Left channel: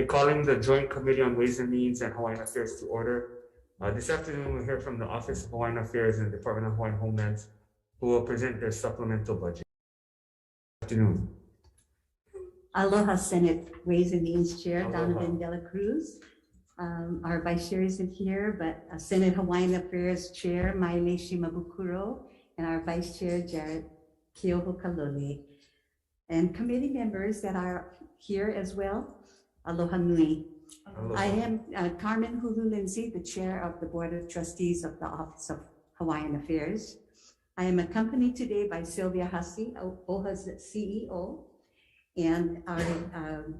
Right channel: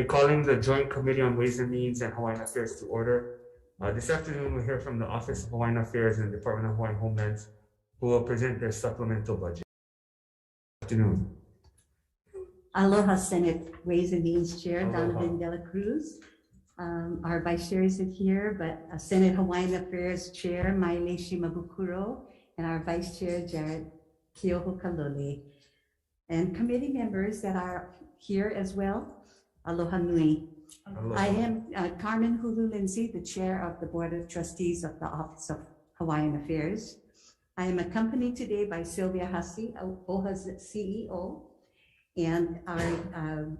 Calling the Joint Committee on Ways and Means and Hawaiian Affairs to order. This afternoon, we'll hear from the Office of Hawaiian Affairs and the Department of Hawaiian Homelands, who will present their supplemental budget. Good afternoon. Aloha, Senate Ways and Means Chair Aloha. Donovan Dela Cruz. Our vice chair isn't here, but Senate Hawaiian Affairs Chair Maile Shimabukuro and our vice chair Jared Keoho Kalole. And committee members that are here as well, aloha nui. Aloha. I am Carmen Hulu Lindsay, the chair of the Board of Trustees of the Office of Hawaiian Affairs. I am accompanied today by Sylvia Hussey, OHA's CEO, and our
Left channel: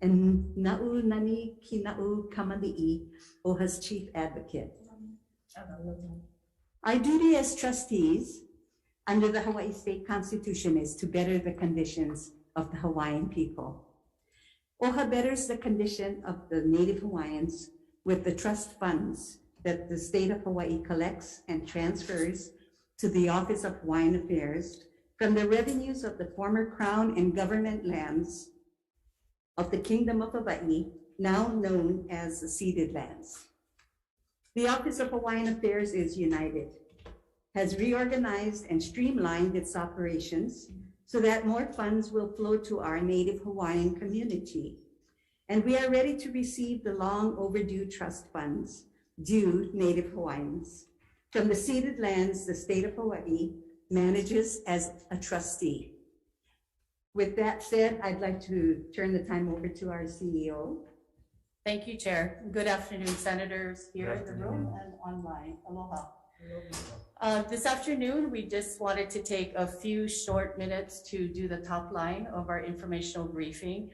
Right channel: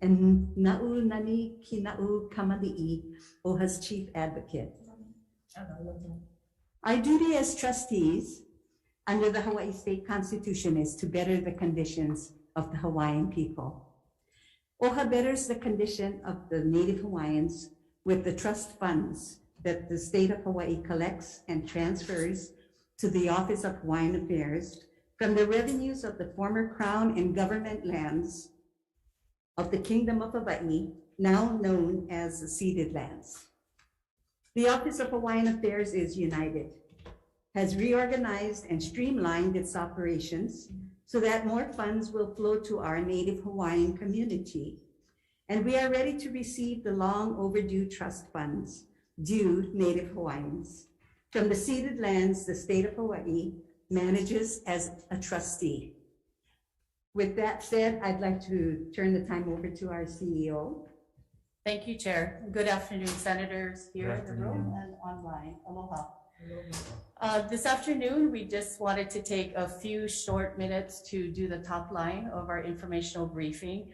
and Na'u Nani Kina'u Kamali'i, OHA's chief advocate. Our duty as trustees under the Hawaii State Constitution is to better the conditions of the Hawaiian people. OHA betters the condition of the Native Hawaiians with the trust funds that the state of Hawaii collects and transfers to the Office of Hawaiian Affairs from the revenues of the former Crown and government lands of the Kingdom of Hawaii, now known as the ceded lands. The Office of Hawaiian Affairs is united, has reorganized and streamlined its operations so that more funds will flow to our Native Hawaiian community. And we are ready to receive the long overdue trust funds due Native Hawaiians. From the ceded lands, the state of Hawaii manages as a trustee. With that said, I'd like to turn the time over to our CEO. Thank you, Chair. Good afternoon, Senators here Good in the room and online. Aloha. This afternoon, we just wanted to take a few short minutes to do the top line of our informational briefing.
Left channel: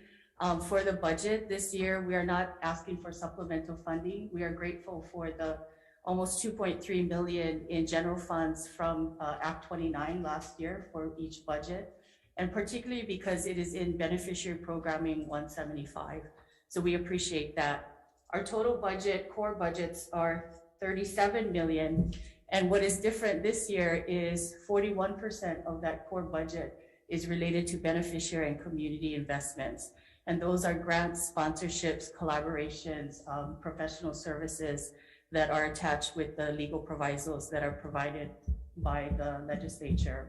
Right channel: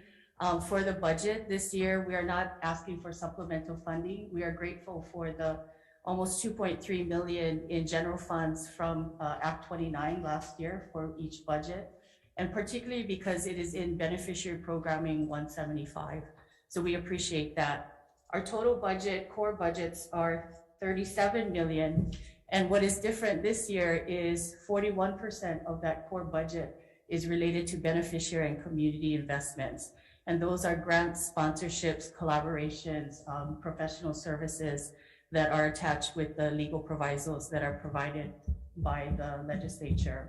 For the budget this year, we are not asking for supplemental funding. We are grateful for the almost 2.3 million in general funds from Act 29 last year for each budget, and particularly because it is in beneficiary programming 175. So we appreciate that. Our total budget, core budgets, are 37 million. And what is different this year is 41% of that core budget is related to beneficiary and community investments. And those are grants, sponsorships, collaborations, professional services that are attached with the legal provisos that are provided by the legislature.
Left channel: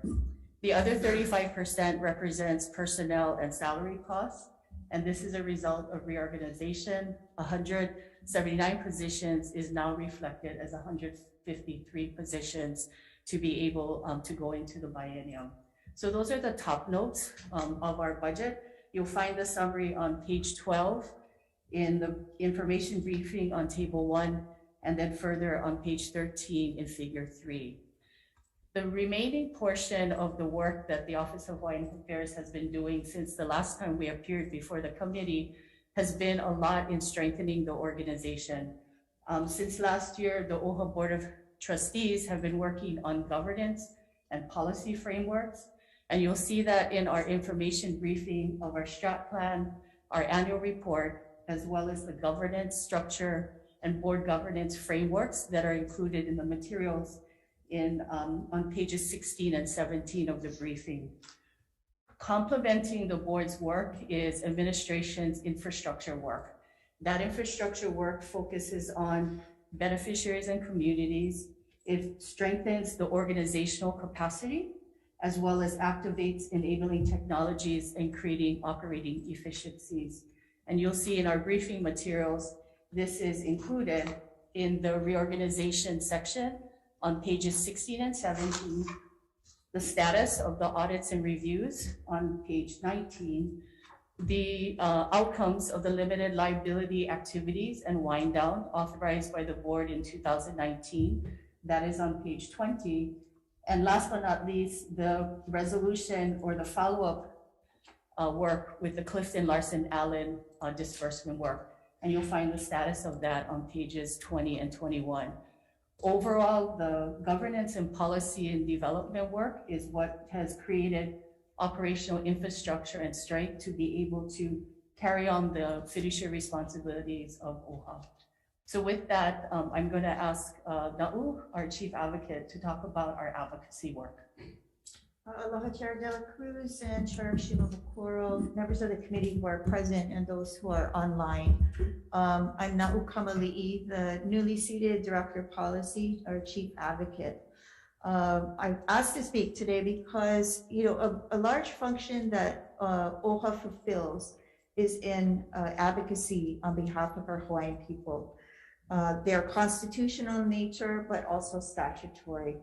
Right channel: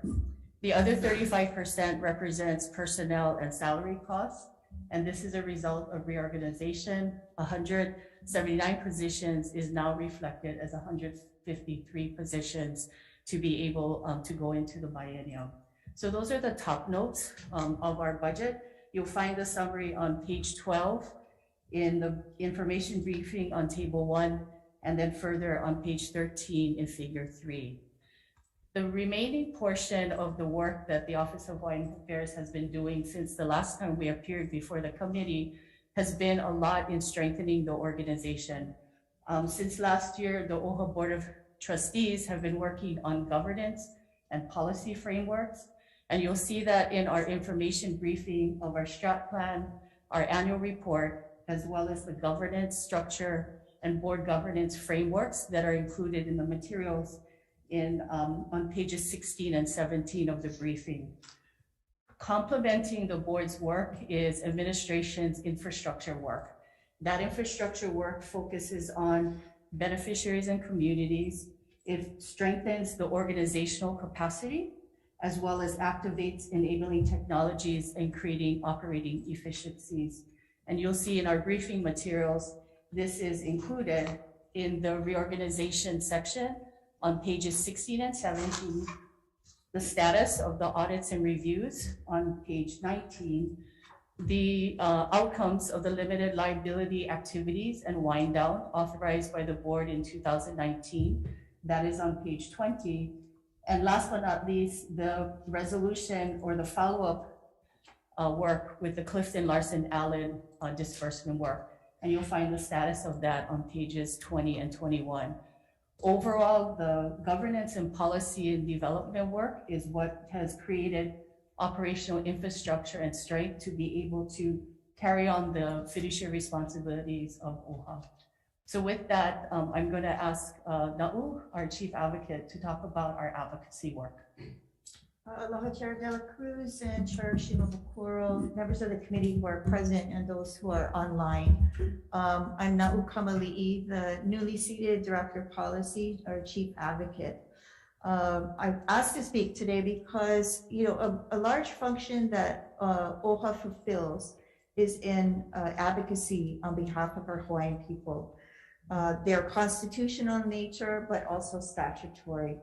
The other 35% represents personnel and salary costs. And this is a result of reorganization. 179 positions is now reflected as 153 positions to be able to go into the biennium. So those are the top notes of our budget. You'll find the summary on page 12 in the information briefing on table 1, and then further on page 13 in figure 3. The remaining portion of the work that the Office of Hawaiian Affairs has been doing since the last time we appeared before the committee has been a lot in strengthening the organization. Since last year, the OHA Board of Trustees have been working on governance and policy frameworks. And you'll see that in our information briefing of our strat plan, our annual report, as well as the governance structure and board governance frameworks that are included in the materials on pages 16 and 17 of the briefing. Complementing the board's work is administration's infrastructure work. That infrastructure work focuses on beneficiaries and communities. It strengthens the organizational capacity, as well as activates enabling technologies and creating operating efficiencies. And you'll see in our briefing materials, this is included in the reorganization section on pages 16 and 17, the status of the audits and reviews on page 19, the outcomes of the limited liability activities and wind down authorized by the board in 2019, that is on page 20. And last but not least, the resolution or the follow-up work with the Clifton Larson Allen disbursement work. And you'll find the status of that on pages 20 and 21. Overall, the governance and policy and development work is what has created operational infrastructure and strength to be able to carry on the fiduciary responsibilities of OHA. So with that, I'm going to ask Na'u, our chief advocate, to talk about our advocacy work. Aloha Chair De La Cruz and Chair Shimabukuro, members of the committee who are present and those who are online. I'm Na'u Kamali'i, the newly seated Director of Policy or Chief Advocate. I've asked to speak today because, a large function that OHA fulfills is in advocacy on behalf of our Hawaiian people. They're constitutional in nature, but also statutory.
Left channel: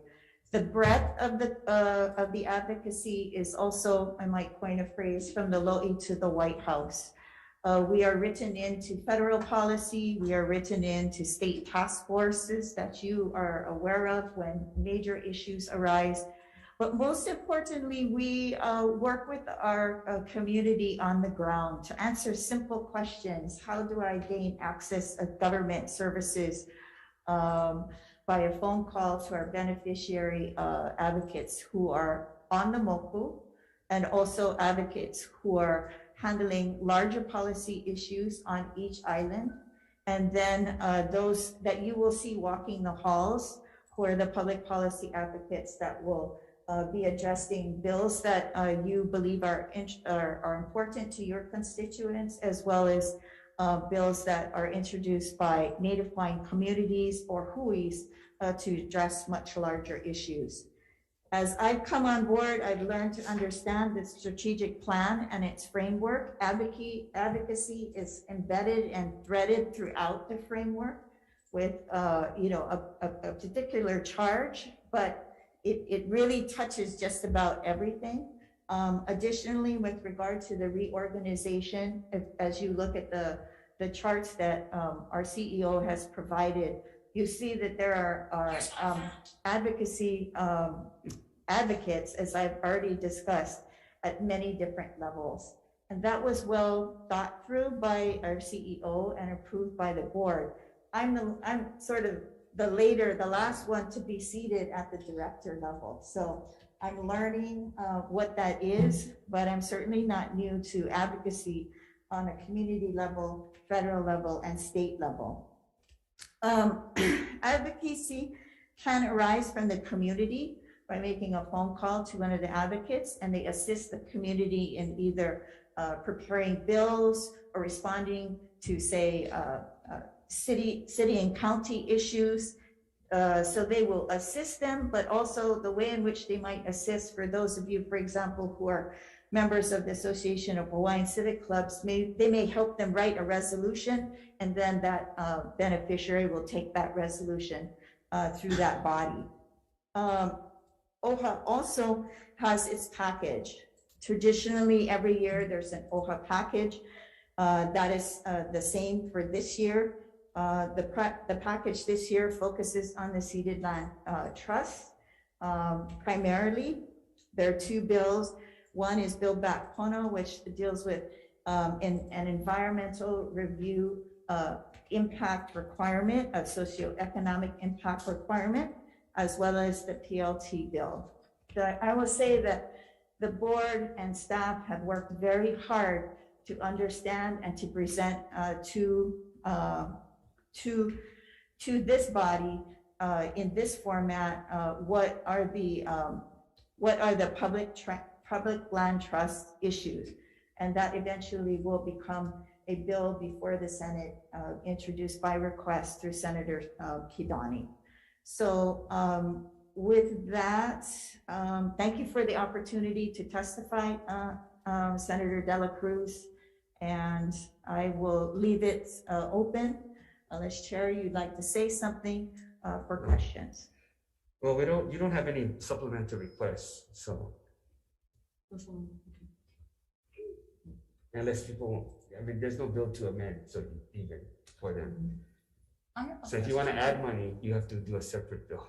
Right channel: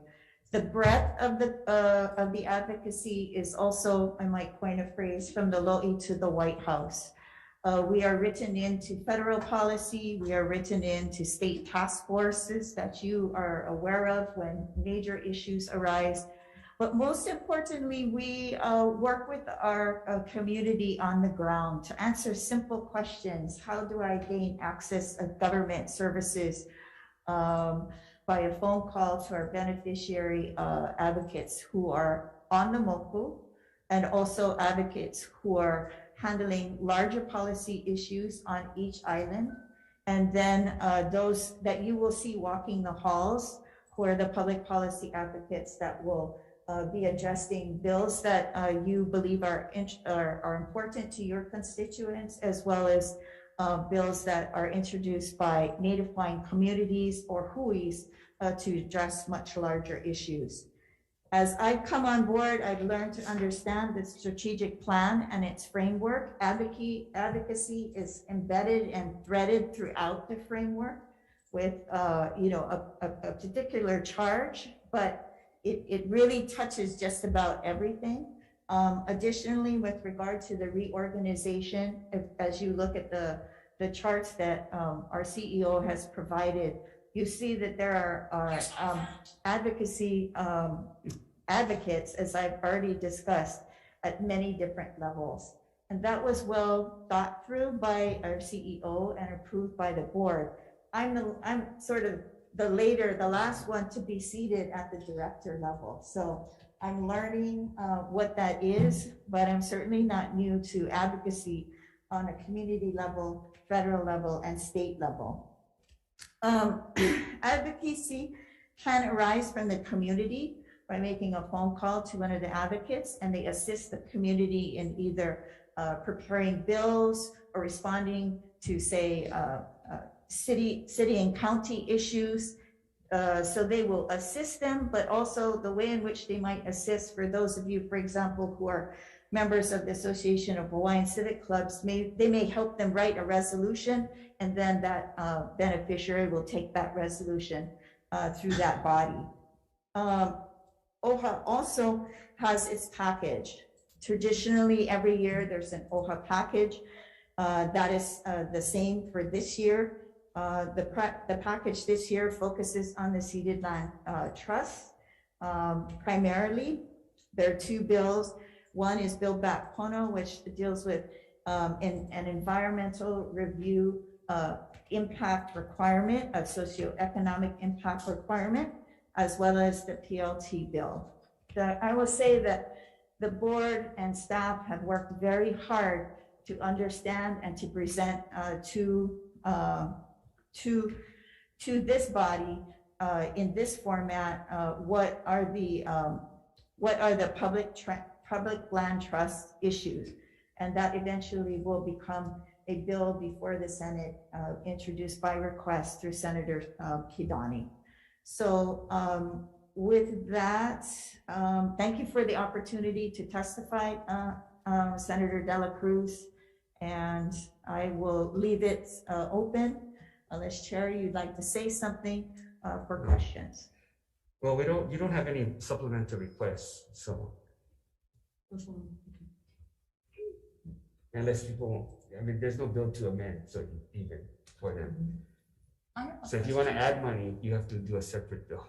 The breadth of the advocacy is also, I might coin a phrase, from the Lo'i to the White House. We are written into federal policy. We are written into state task forces that you are aware of when major issues arise. But most importantly, we work with our community on the ground to answer simple questions. How do I gain access of government services? By a phone call to our beneficiary advocates who are on the moku, and also advocates who are handling larger policy issues on each island. And then those that you will see walking the halls, who are the public policy advocates that will be addressing bills that you believe are important to your constituents, as well as bills that are introduced by Native Hawaiian communities or hui's to address much larger issues. As I've come on board, I've learned to understand the strategic plan and its framework. Advocacy is embedded and threaded throughout the framework with a particular charge, but it really touches just about everything. Additionally, with regard to the reorganization, as you look at the charts that our CEO has provided, you see that there are advocates, as I've already discussed, at many different levels. And that was well thought through by our CEO and approved by the board. I'm sort of the last one to be seated at the director level. So I'm learning what that is, but I'm certainly not new to advocacy on a community level, federal level, and state level. Advocacy can arise from the community by making a phone call to one of the advocates, and they assist the community in either preparing bills or responding to, say, city and county issues. So they will assist them, but also the way in which they might assist for those of you, for example, who are members of the Association of Hawaiian Civic Clubs, they may help them write a resolution, and then that beneficiary will take that resolution through that body. OHA also has its package. Traditionally, every year there's an OHA package that is the same for this year. The package this year focuses on the ceded land trust. Primarily, there are two bills. One is Build Back Pono, which deals with an environmental review impact requirement, a socioeconomic impact requirement, as well as the PLT bill. I will say that the board and staff have worked very hard to understand and to present to this body in this format what are the public land trust issues, and that eventually will become a bill before the Senate, introduced by request through Senator Kidani. So with that, thank you for the opportunity to testify, Senator De La Cruz, and I will leave it open unless, Chair, you'd like to say something for questions. Well, you don't have any supplemental requests, so unless people, there's no bill to amend, so even for them. So if you want to add money, you have to do a separate bill.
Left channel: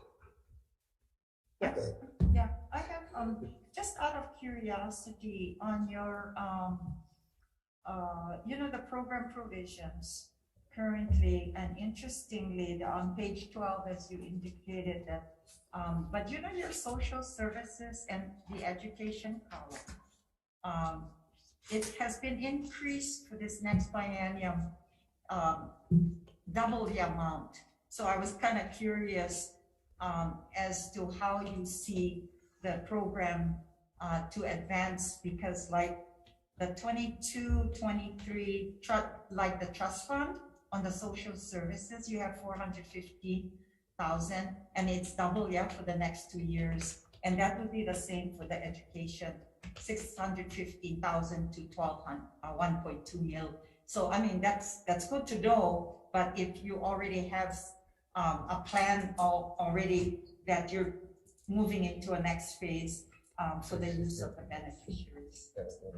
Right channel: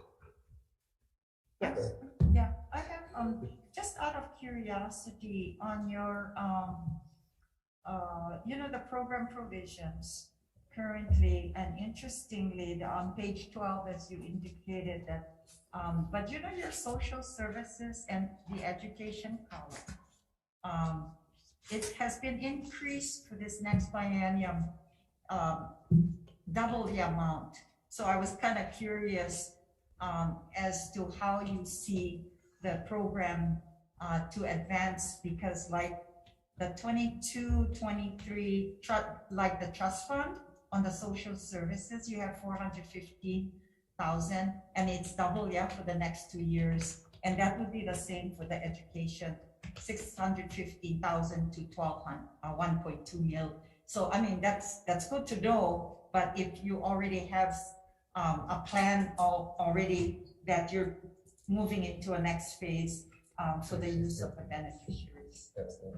Yes. Yeah, I have just out of curiosity on your the program provisions currently, and interestingly, on page 12, as you indicated that, but your social services and the education column, it has been increased for this next biennium, double the amount. So I was kind of curious as to how you see the program to advance, because like the 22-23 like the trust fund on the social services, you have 450,000, and it's double, yeah, for the next 2 years. And that would be the same for the education, 650,000 to 1.2 mil. So I mean, that's good to know. But if you already have a plan already that you're moving into a next phase for the use of the beneficiaries,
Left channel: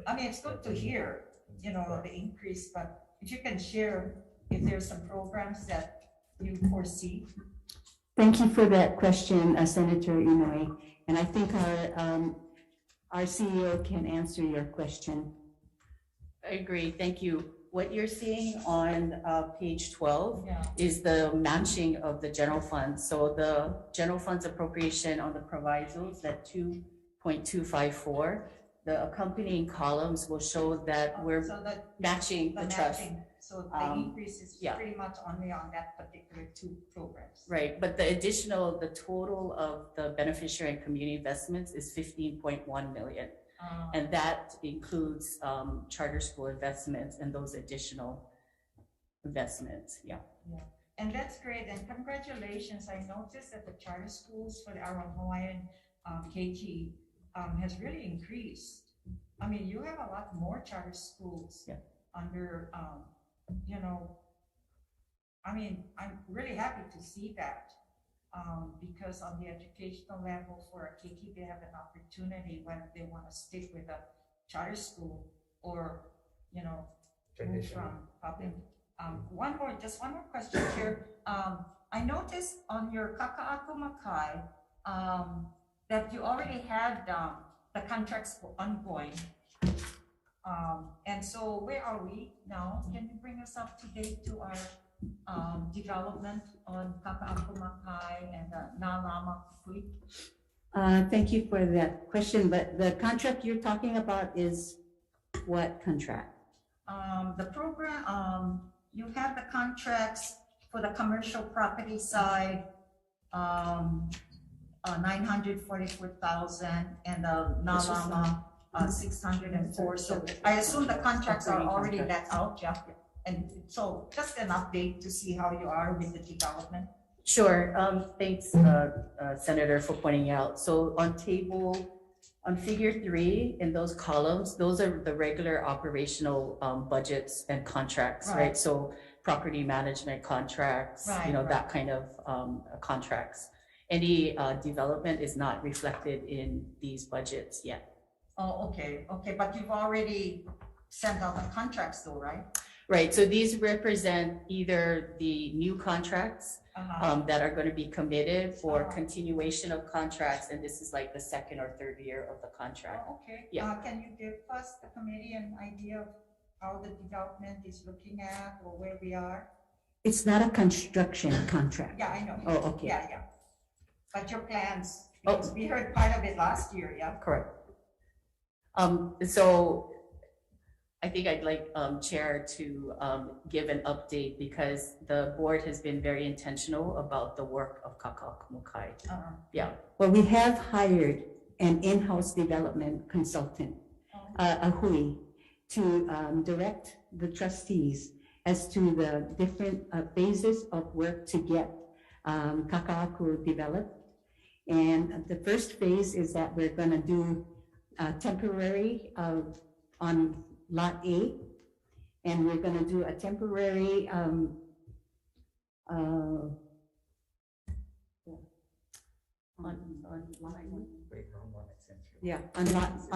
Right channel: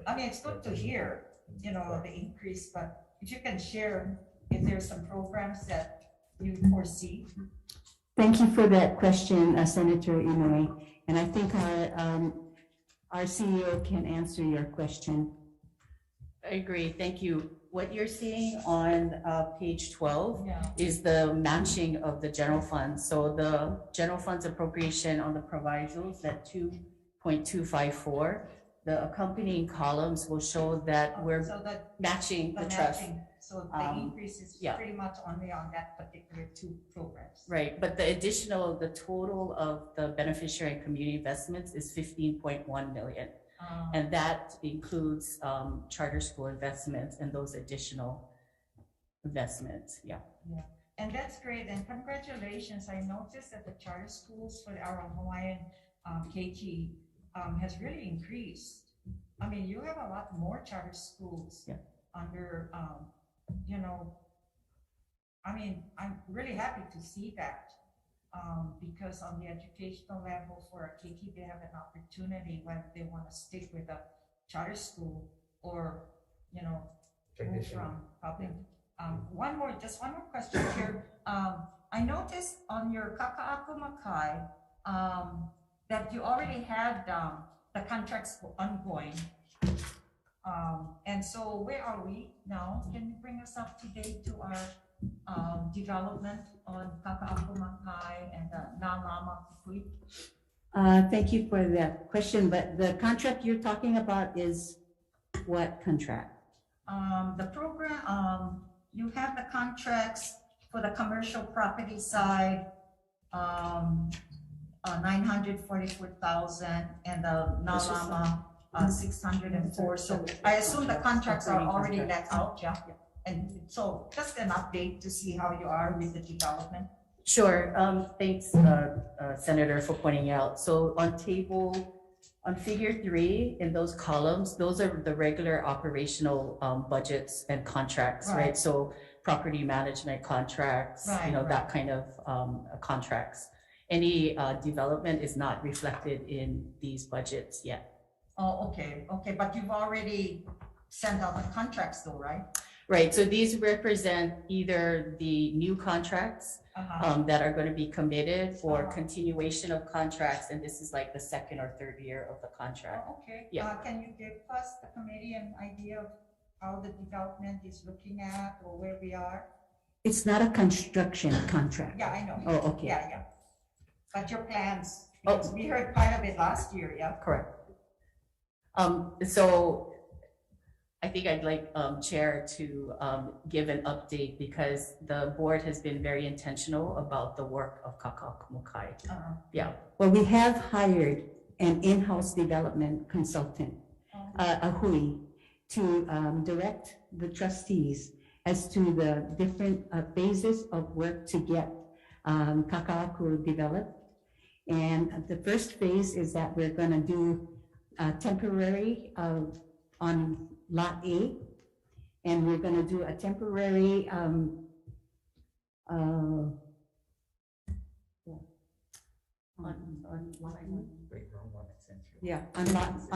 I mean, it's good to hear, you know, the increase. But if you can share if there's some programs that you foresee. Thank you for that question, Senator Inoue. And I think our CEO can answer your question. I agree. Thank you. What you're seeing on page 12 Yeah. is the matching of the general funds. So the general funds appropriation on the provisos, that 2.254, the accompanying columns will show that we're So that matching the trust. matching, so the increase is yeah. pretty much only on that particular 2 programs. Right, but the total of the beneficiary and community investments is 15.1 million. And that includes charter school investments and those additional investments, yeah. Yeah, and that's great, and congratulations. I noticed that the charter schools for our Hawaiian KG has really increased. I mean, you have a lot more charter schools under, you know, I mean, I'm really happy to see that. Because on the educational level for a Kiki, they have an opportunity whether they want to stick with a charter school or, you know, move from public. Just one more question here. I noticed on your Kaka'ako Makai that you already had the contracts ongoing. And so where are we now? Can you bring us up to date to our development on Kaka'ako Makai and Nalama Kui? Thank you for that question, but the contract you're talking about is what contract? The program, you have the contracts for the commercial property side, 944,000, and the Nalama 604. So I assume the contracts are already let out, yeah? And so just an update to see how you are with the development. Sure, thanks, Senator, for pointing out. So on figure 3, in those columns, those are the regular operational budgets and contracts, right? So property management contracts, you know, that kind of contracts. Any development is not reflected in these budgets yet. Oh, okay, but you've already sent out the contracts though, right? Right, so these represent either the new contracts that are going to be committed or continuation of contracts, and this is like the 2nd or 3rd year of the contract. Oh, okay. Yeah. Can you give us, the committee, an idea of how the development is looking at or where we are? It's not a construction contract. Yeah, I know. Oh, okay. Yeah. But your plans, because we heard part of it last year, yeah? Correct. So I think I'd like Chair to give an update because the board has been very intentional about the work of Kaka'ako Makai. Yeah. Well, we have hired an in-house development consultant, a Hui, to direct the trustees as to the different phases of work to get Kaka'ako developed. And the first phase is that we're going to do temporary on Lot A, and we're going to do a temporary on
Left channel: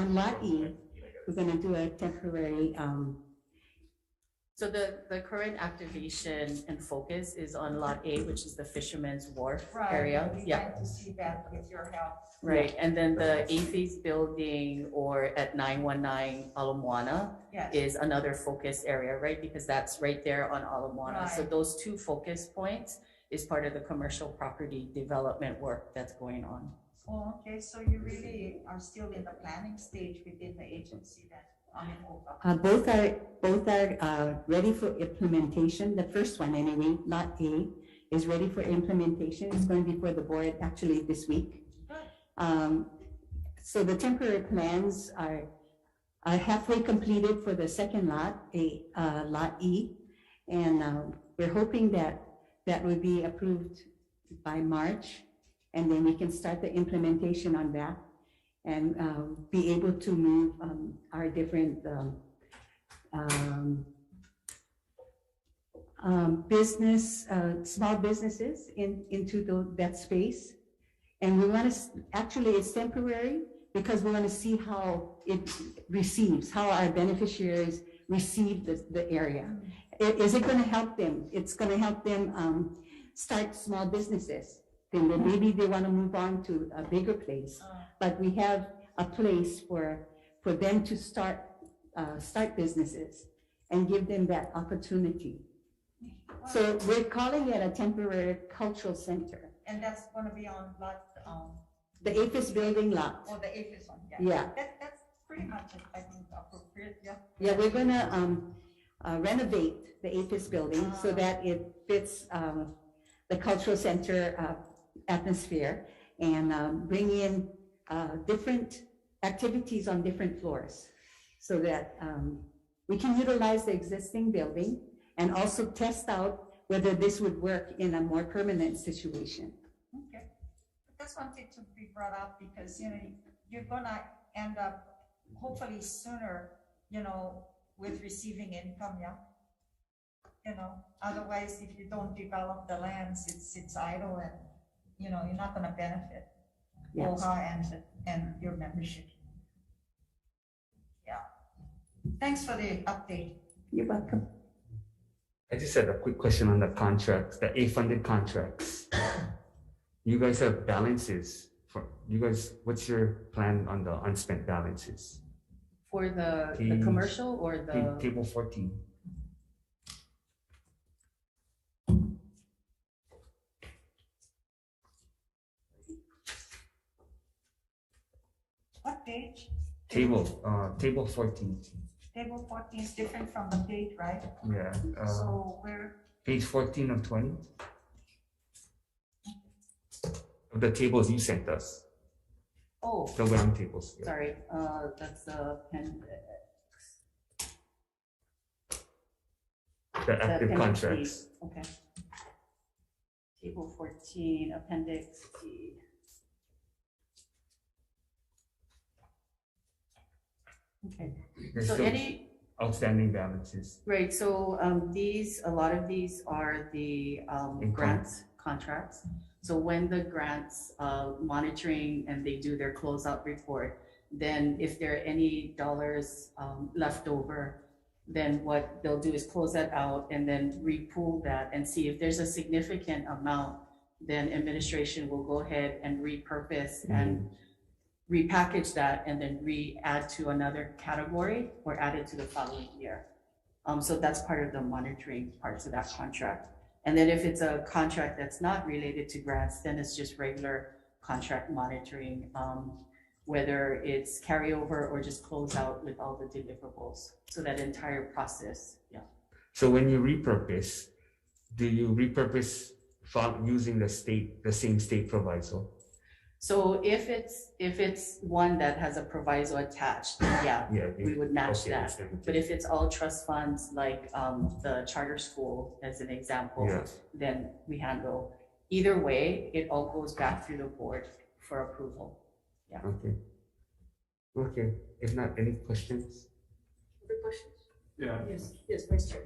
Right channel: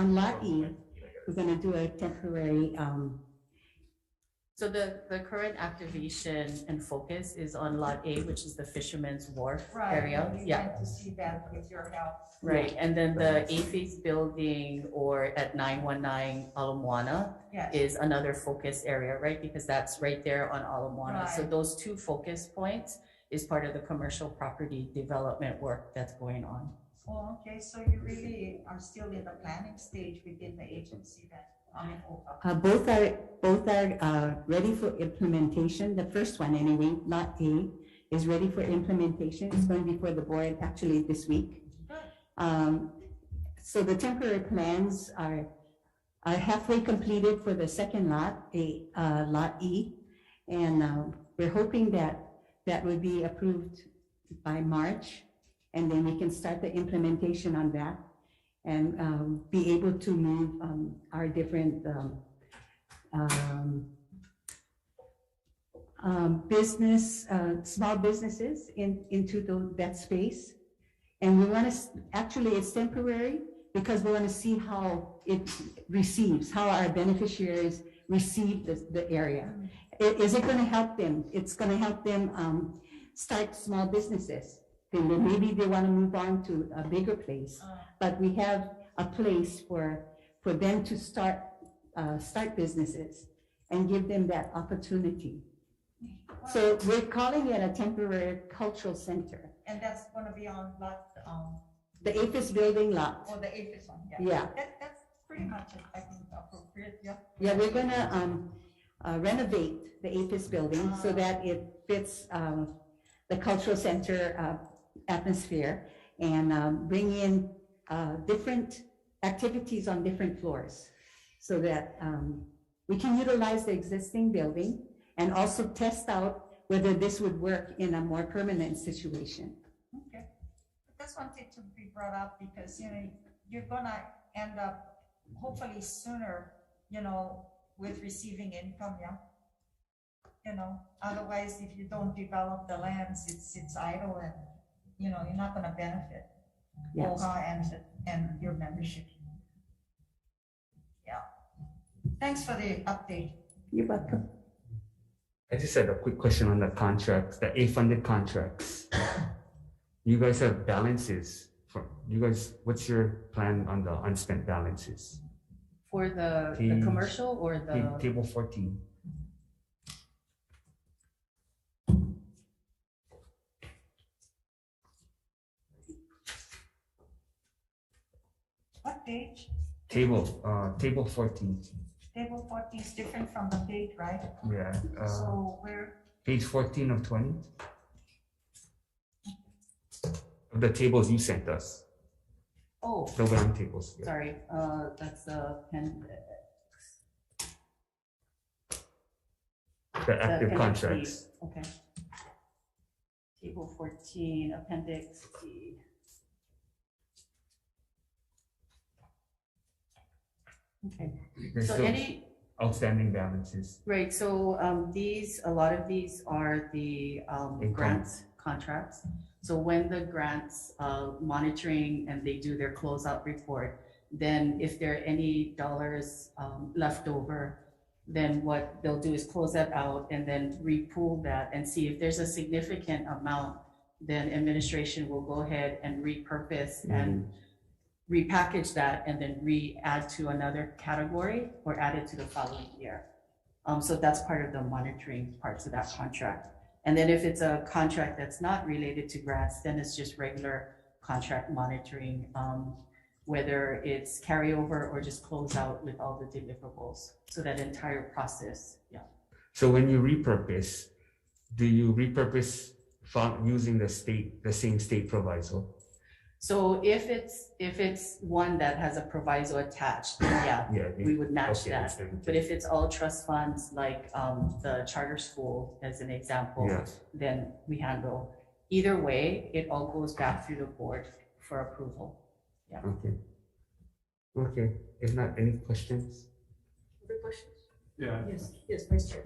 Lot E, we're going to do a temporary. So the current activation and focus is on Lot A, which is the Fisherman's Wharf area. Right, Yeah. to see that with your help. Right, and then the A-Phase building or at 919 Ala Moana Yes. is another focus area, right? Because that's right there on Ala Moana. So Right. those 2 focus points is part of the commercial property development work that's going on. Oh, okay, so you really are still in the planning stage within the agency then? Both are ready for implementation. The first one anyway, Lot A, is ready for implementation. It's going before the board actually this week. So the temporary plans are halfway completed for the second lot, Lot E. And we're hoping that that will be approved by March. And then we can start the implementation on that and be able to move our different small businesses into that space. And we want to, actually it's temporary because we want to see how it receives, how our beneficiaries receive the area. Is it going to help them? It's going to help them start small businesses. Then maybe they want to move on to a bigger place. But we have a place for them to start businesses and give them that opportunity. So we're calling it a temporary cultural center. And that's gonna be on lot, The APHIS building lot. or the APHIS one, Yeah. That's pretty much, I think, appropriate, yeah. Yeah, we're gonna renovate the APHIS building so that it fits the cultural center atmosphere and bring in different activities on different floors so that we can utilize the existing building and also test out whether this would work in a more permanent situation. Okay, that's wanted to be brought up because, you know, you're gonna end up hopefully sooner, you know, with receiving income, yeah. You know, otherwise, if you don't develop the lands, it's idle and, you know, you're not gonna benefit. Yes. OHA and your membership. Yeah. Thanks for the update. You're welcome. I just had a quick question on the contracts, the A-funded contracts. You guys have balances for, you guys, what's your plan on the unspent balances? For the Page- commercial or the, Table 14. What page? Table 14. Table 14 is different from the page, right? Yeah, So we're, page 14 of 20. Of the tables you sent us, oh, the WAM tables. Yeah. sorry, that's the appendix. The active appendix contracts. D. Okay. Table 14, appendix D. Okay, There's so still any, outstanding balances. right, so a lot of these are the Income. grants contracts. So when the grants monitoring and they do their closeout report, then if there are any dollars left over, then what they'll do is close that out and then repool that and see if there's a significant amount, then administration will go ahead and repurpose and repackage that and then re-add to another category or add it to the following year. So that's part of the monitoring parts of that contract. And then if it's a contract that's not related to grants, then it's just regular contract monitoring, whether it's carryover or just close out with all the deliverables. So that entire process, yeah. So when you repurpose, do you repurpose using the same state proviso? So if it's one that has a proviso attached, yeah, we would match that. But if it's all trust funds, like the charter school as an example, then we handle. Either way, it all goes back through the board for approval. Yeah. Okay. Okay. If not, any questions? Other questions? Yeah. Yes, Vice Chair.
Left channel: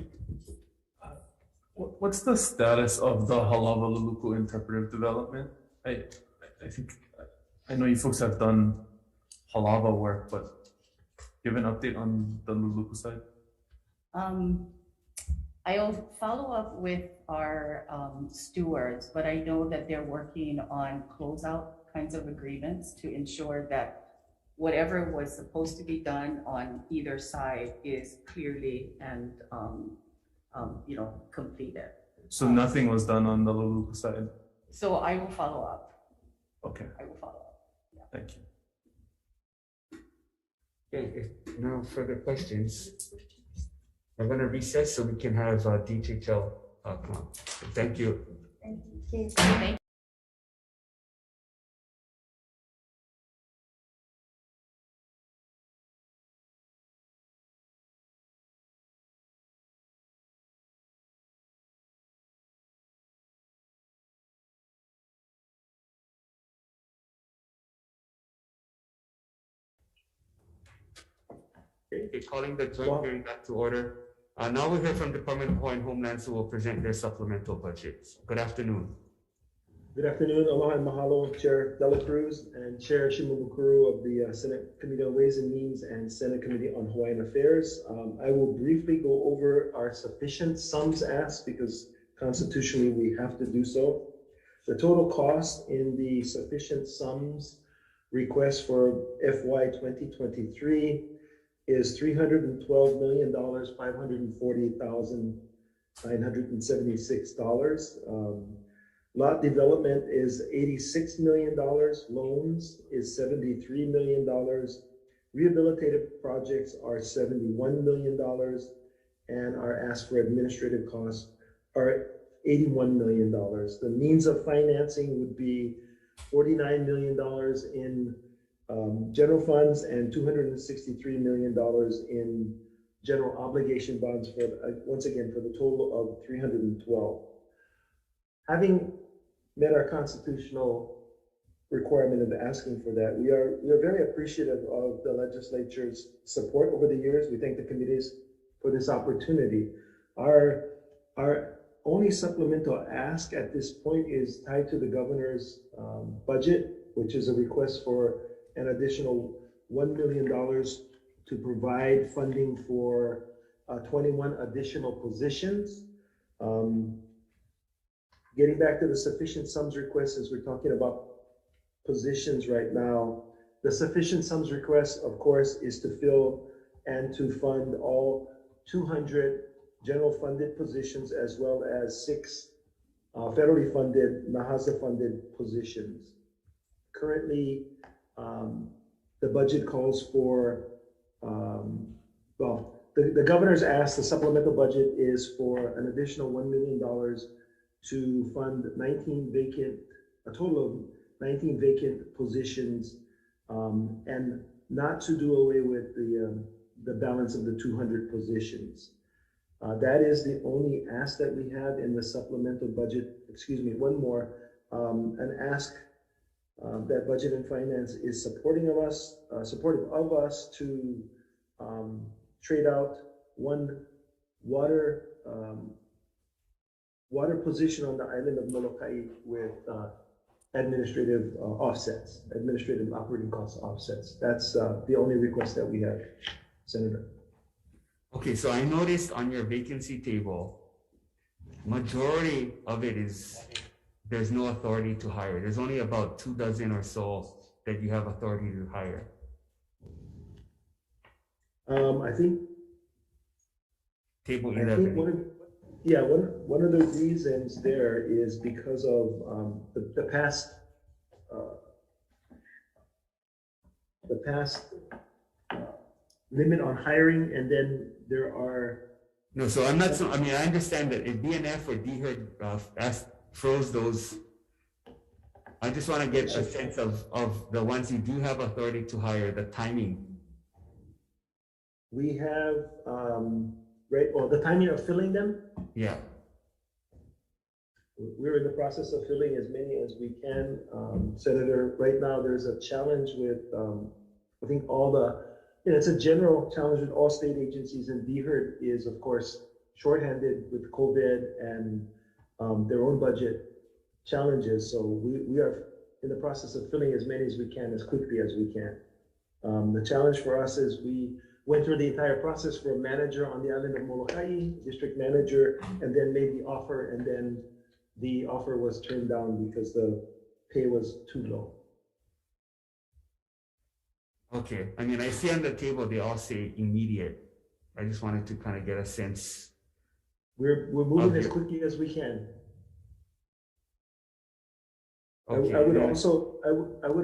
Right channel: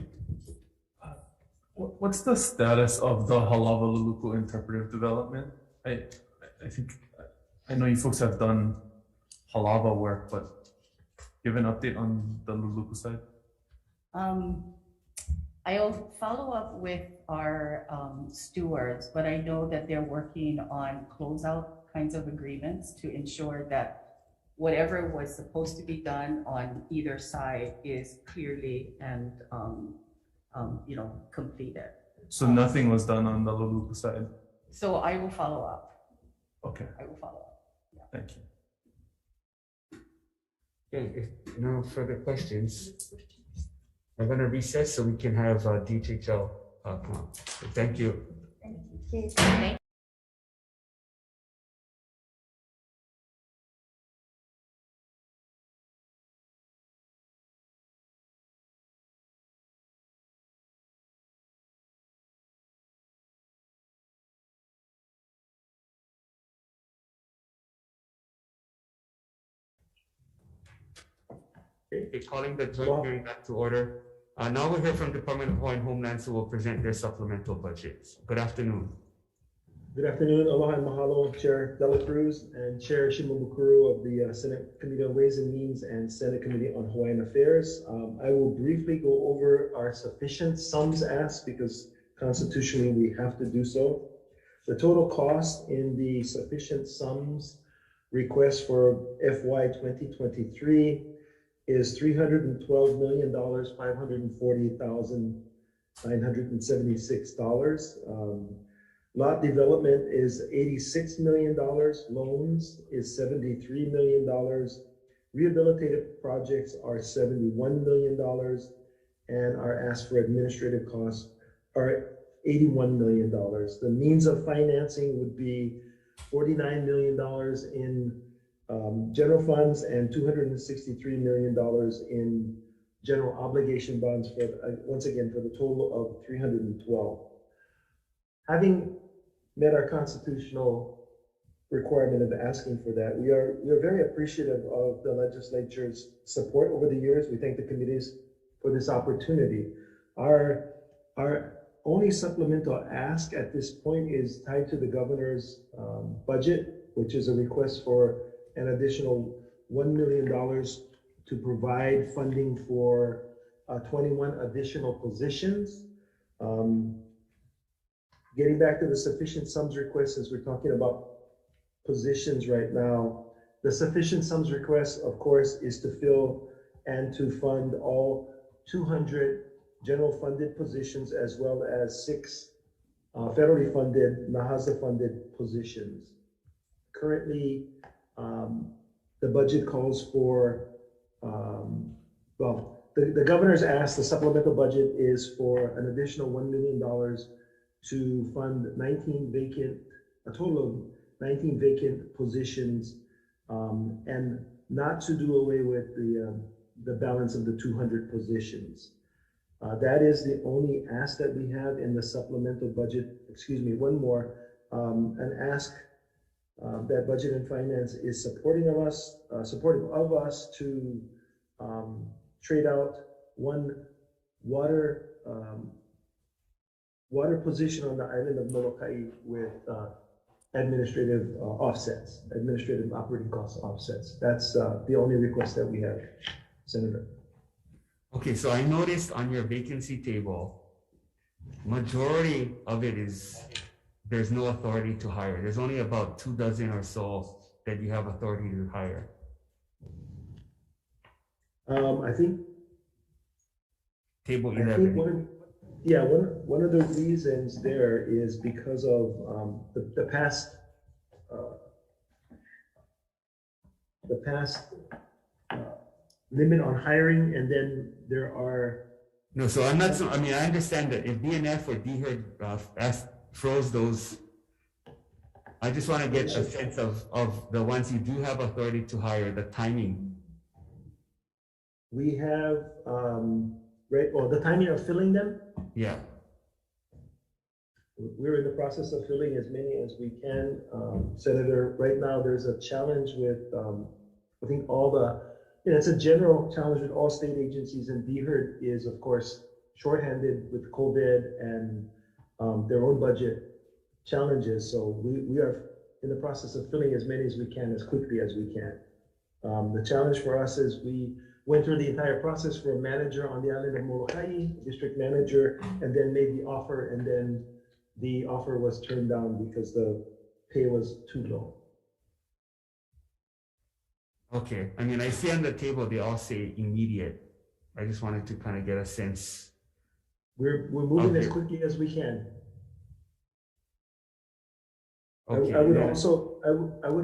What's the status of the Halawa Luluku interpretive development? I think I know you folks have done Halawa work, but give an update on the Luluku side. I'll follow up with our stewards, but I know that they're working on closeout kinds of agreements to ensure that whatever was supposed to be done on either side is clearly and completed. So nothing was done on the Luluku side. So I will follow up. Okay, I will follow up. thank you. Okay, if no further questions, I'm gonna recess so we can have DHL come. Thank you. thank you. Thank Okay, calling the joint hearing back to order. Now we'll hear from Department of Hawaiian Homelands, who will present their supplemental budgets. Good afternoon. Good afternoon, aloha and mahalo, Chair Dela Cruz and Chair Shimabukuro of the Senate Committee on Ways and Means and Senate Committee on Hawaiian Affairs. I will briefly go over our sufficient sums asked because constitutionally we have to do so. The total cost in the sufficient sums request for FY 2023 is $312,540,976. Lot development is $86 million. Loans is $73 million. Rehabilitative projects are $71 million. And our ask for administrative costs are $81 million. The means of financing would be $49 million in general funds and $263 million in general obligation bonds for, once again, for the total of 312. Having met our constitutional requirement of asking for that, we are very appreciative of the legislature's support over the years. We thank the committees for this opportunity. Our only supplemental ask at this point is tied to the governor's budget, which is a request for an additional $1 million to provide funding for 21 additional positions. Getting back to the sufficient sums request, since we're talking about positions right now, the sufficient sums request, of course, is to fill and to fund all 200 general funded positions as well as 6 federally funded, NAHASA funded positions. Currently, the budget calls for, the governor's asked, the supplemental budget is for an additional $1 million to fund a total of 19 vacant positions, and not to do away with the balance of the 200 positions. That is the only ask that we have in the supplemental budget. Excuse me, one more, an ask that Budget and Finance is supportive of us to trade out one water position on the island of Molokai with administrative offsets, administrative operating cost offsets. That's the only request that we have, Senator. Okay, so I noticed on your vacancy table, majority of it is there's no authority to hire. There's only about 2 dozen or so that you have authority to hire. I think Table I 11. think one of the reasons there is because of the past limit on hiring, and then there are. No, so I'm not. So I mean, I understand that if BNF or DHERD froze those, I just want to get a sense of the ones you do have authority to hire, the timing. We have the timing of filling them. Yeah. We're in the process of filling as many as we can, Senator. Right now, there's a challenge with I think it's a general challenge with all state agencies, and DHERD is, of course, shorthanded with COVID and their own budget challenges. So we are in the process of filling as many as we can, as quickly as we can. The challenge for us is we went through the entire process for a manager on the island of Molokai, district manager, and then made the offer, and then the offer was turned down because the pay was too low. Okay. I mean, I see on the table they all say immediate. I just wanted to kind of get a sense. We're moving as quickly as we can. Okay. I would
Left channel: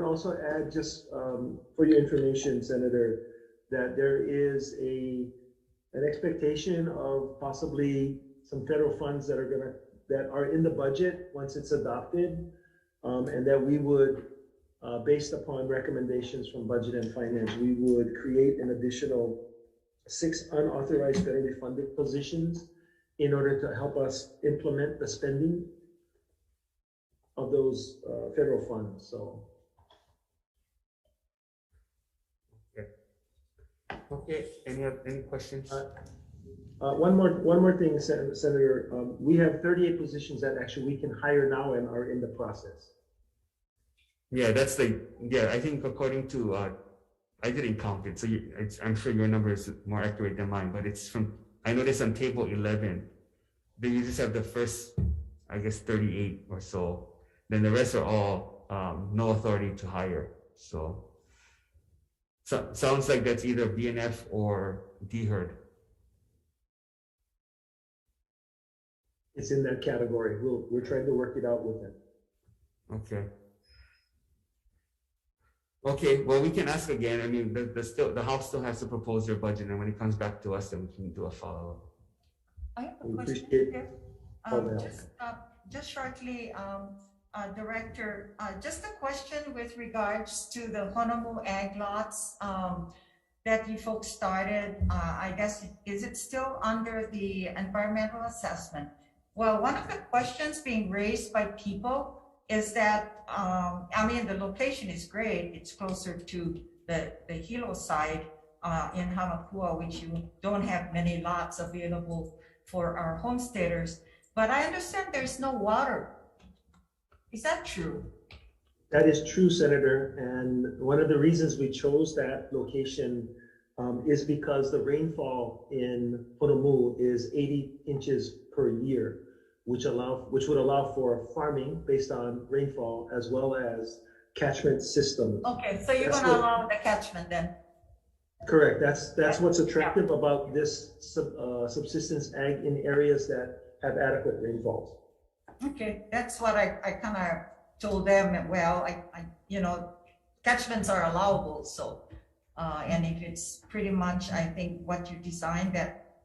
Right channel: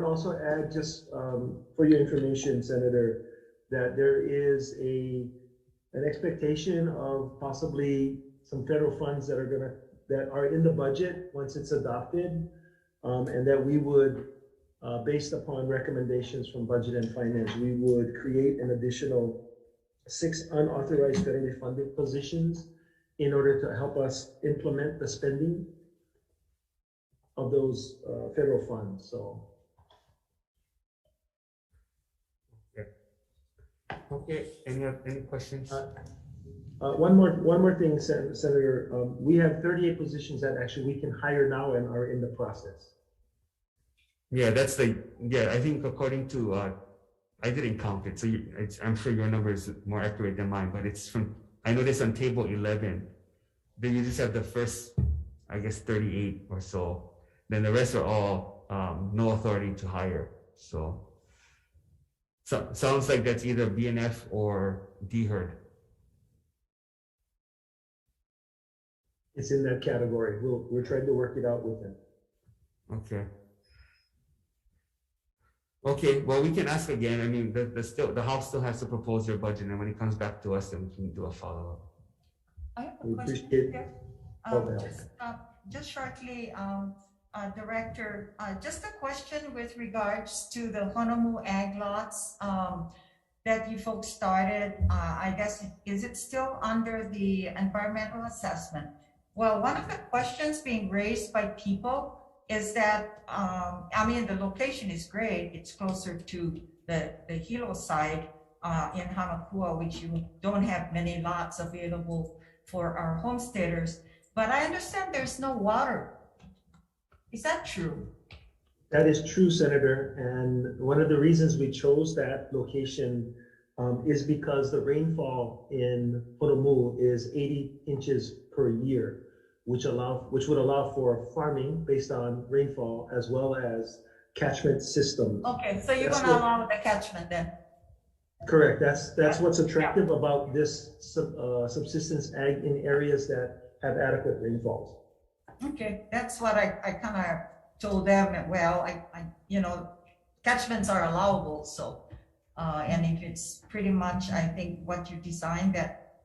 also add, just for your information, Senator, that there is an expectation of possibly some federal funds that are in the budget once it's adopted, and that we would, based upon recommendations from Budget and Finance, we would create an additional 6 unauthorized federally funded positions in order to help us implement the spending of those federal funds. So. Okay, any questions? One more thing, Senator. We have 38 positions that actually we can hire now and are in the process. Yeah, I think according to, I didn't count it, so I'm sure your number is more accurate than mine, but it's I noticed on table 11, then you just have the first, I guess, 38 or so. Then the rest are all no authority to hire. So sounds like that's either BNF or DHERD. It's in that category. We're trying to work it out with them. Okay. Okay, well, we can ask again. I mean, the House still has to propose their budget, and when it comes back to us, then we can do a follow-up. I have a We question appreciate here. all the help. Just shortly, Director, just a question with regards to the Honolulu ag lots that you folks started. I guess, is it still under the environmental assessment? Well, one of the questions being raised by people is that, I mean, the location is great. It's closer to the Hilo side in Hamakua, which you don't have many lots available for our homesteaders. But I understand there's no water. Is that true? That is true, Senator. And one of the reasons we chose that location is because the rainfall in Honolulu is 80 inches per year, which would allow for farming based on rainfall as well as catchment systems. Okay, so you're going to allow the catchment then? Correct. That's what's attractive about this subsistence ag in areas that have adequate rainfalls. Okay, that's what I kind of told them. Well, catchments are allowable, so and if it's pretty much, I think what you designed that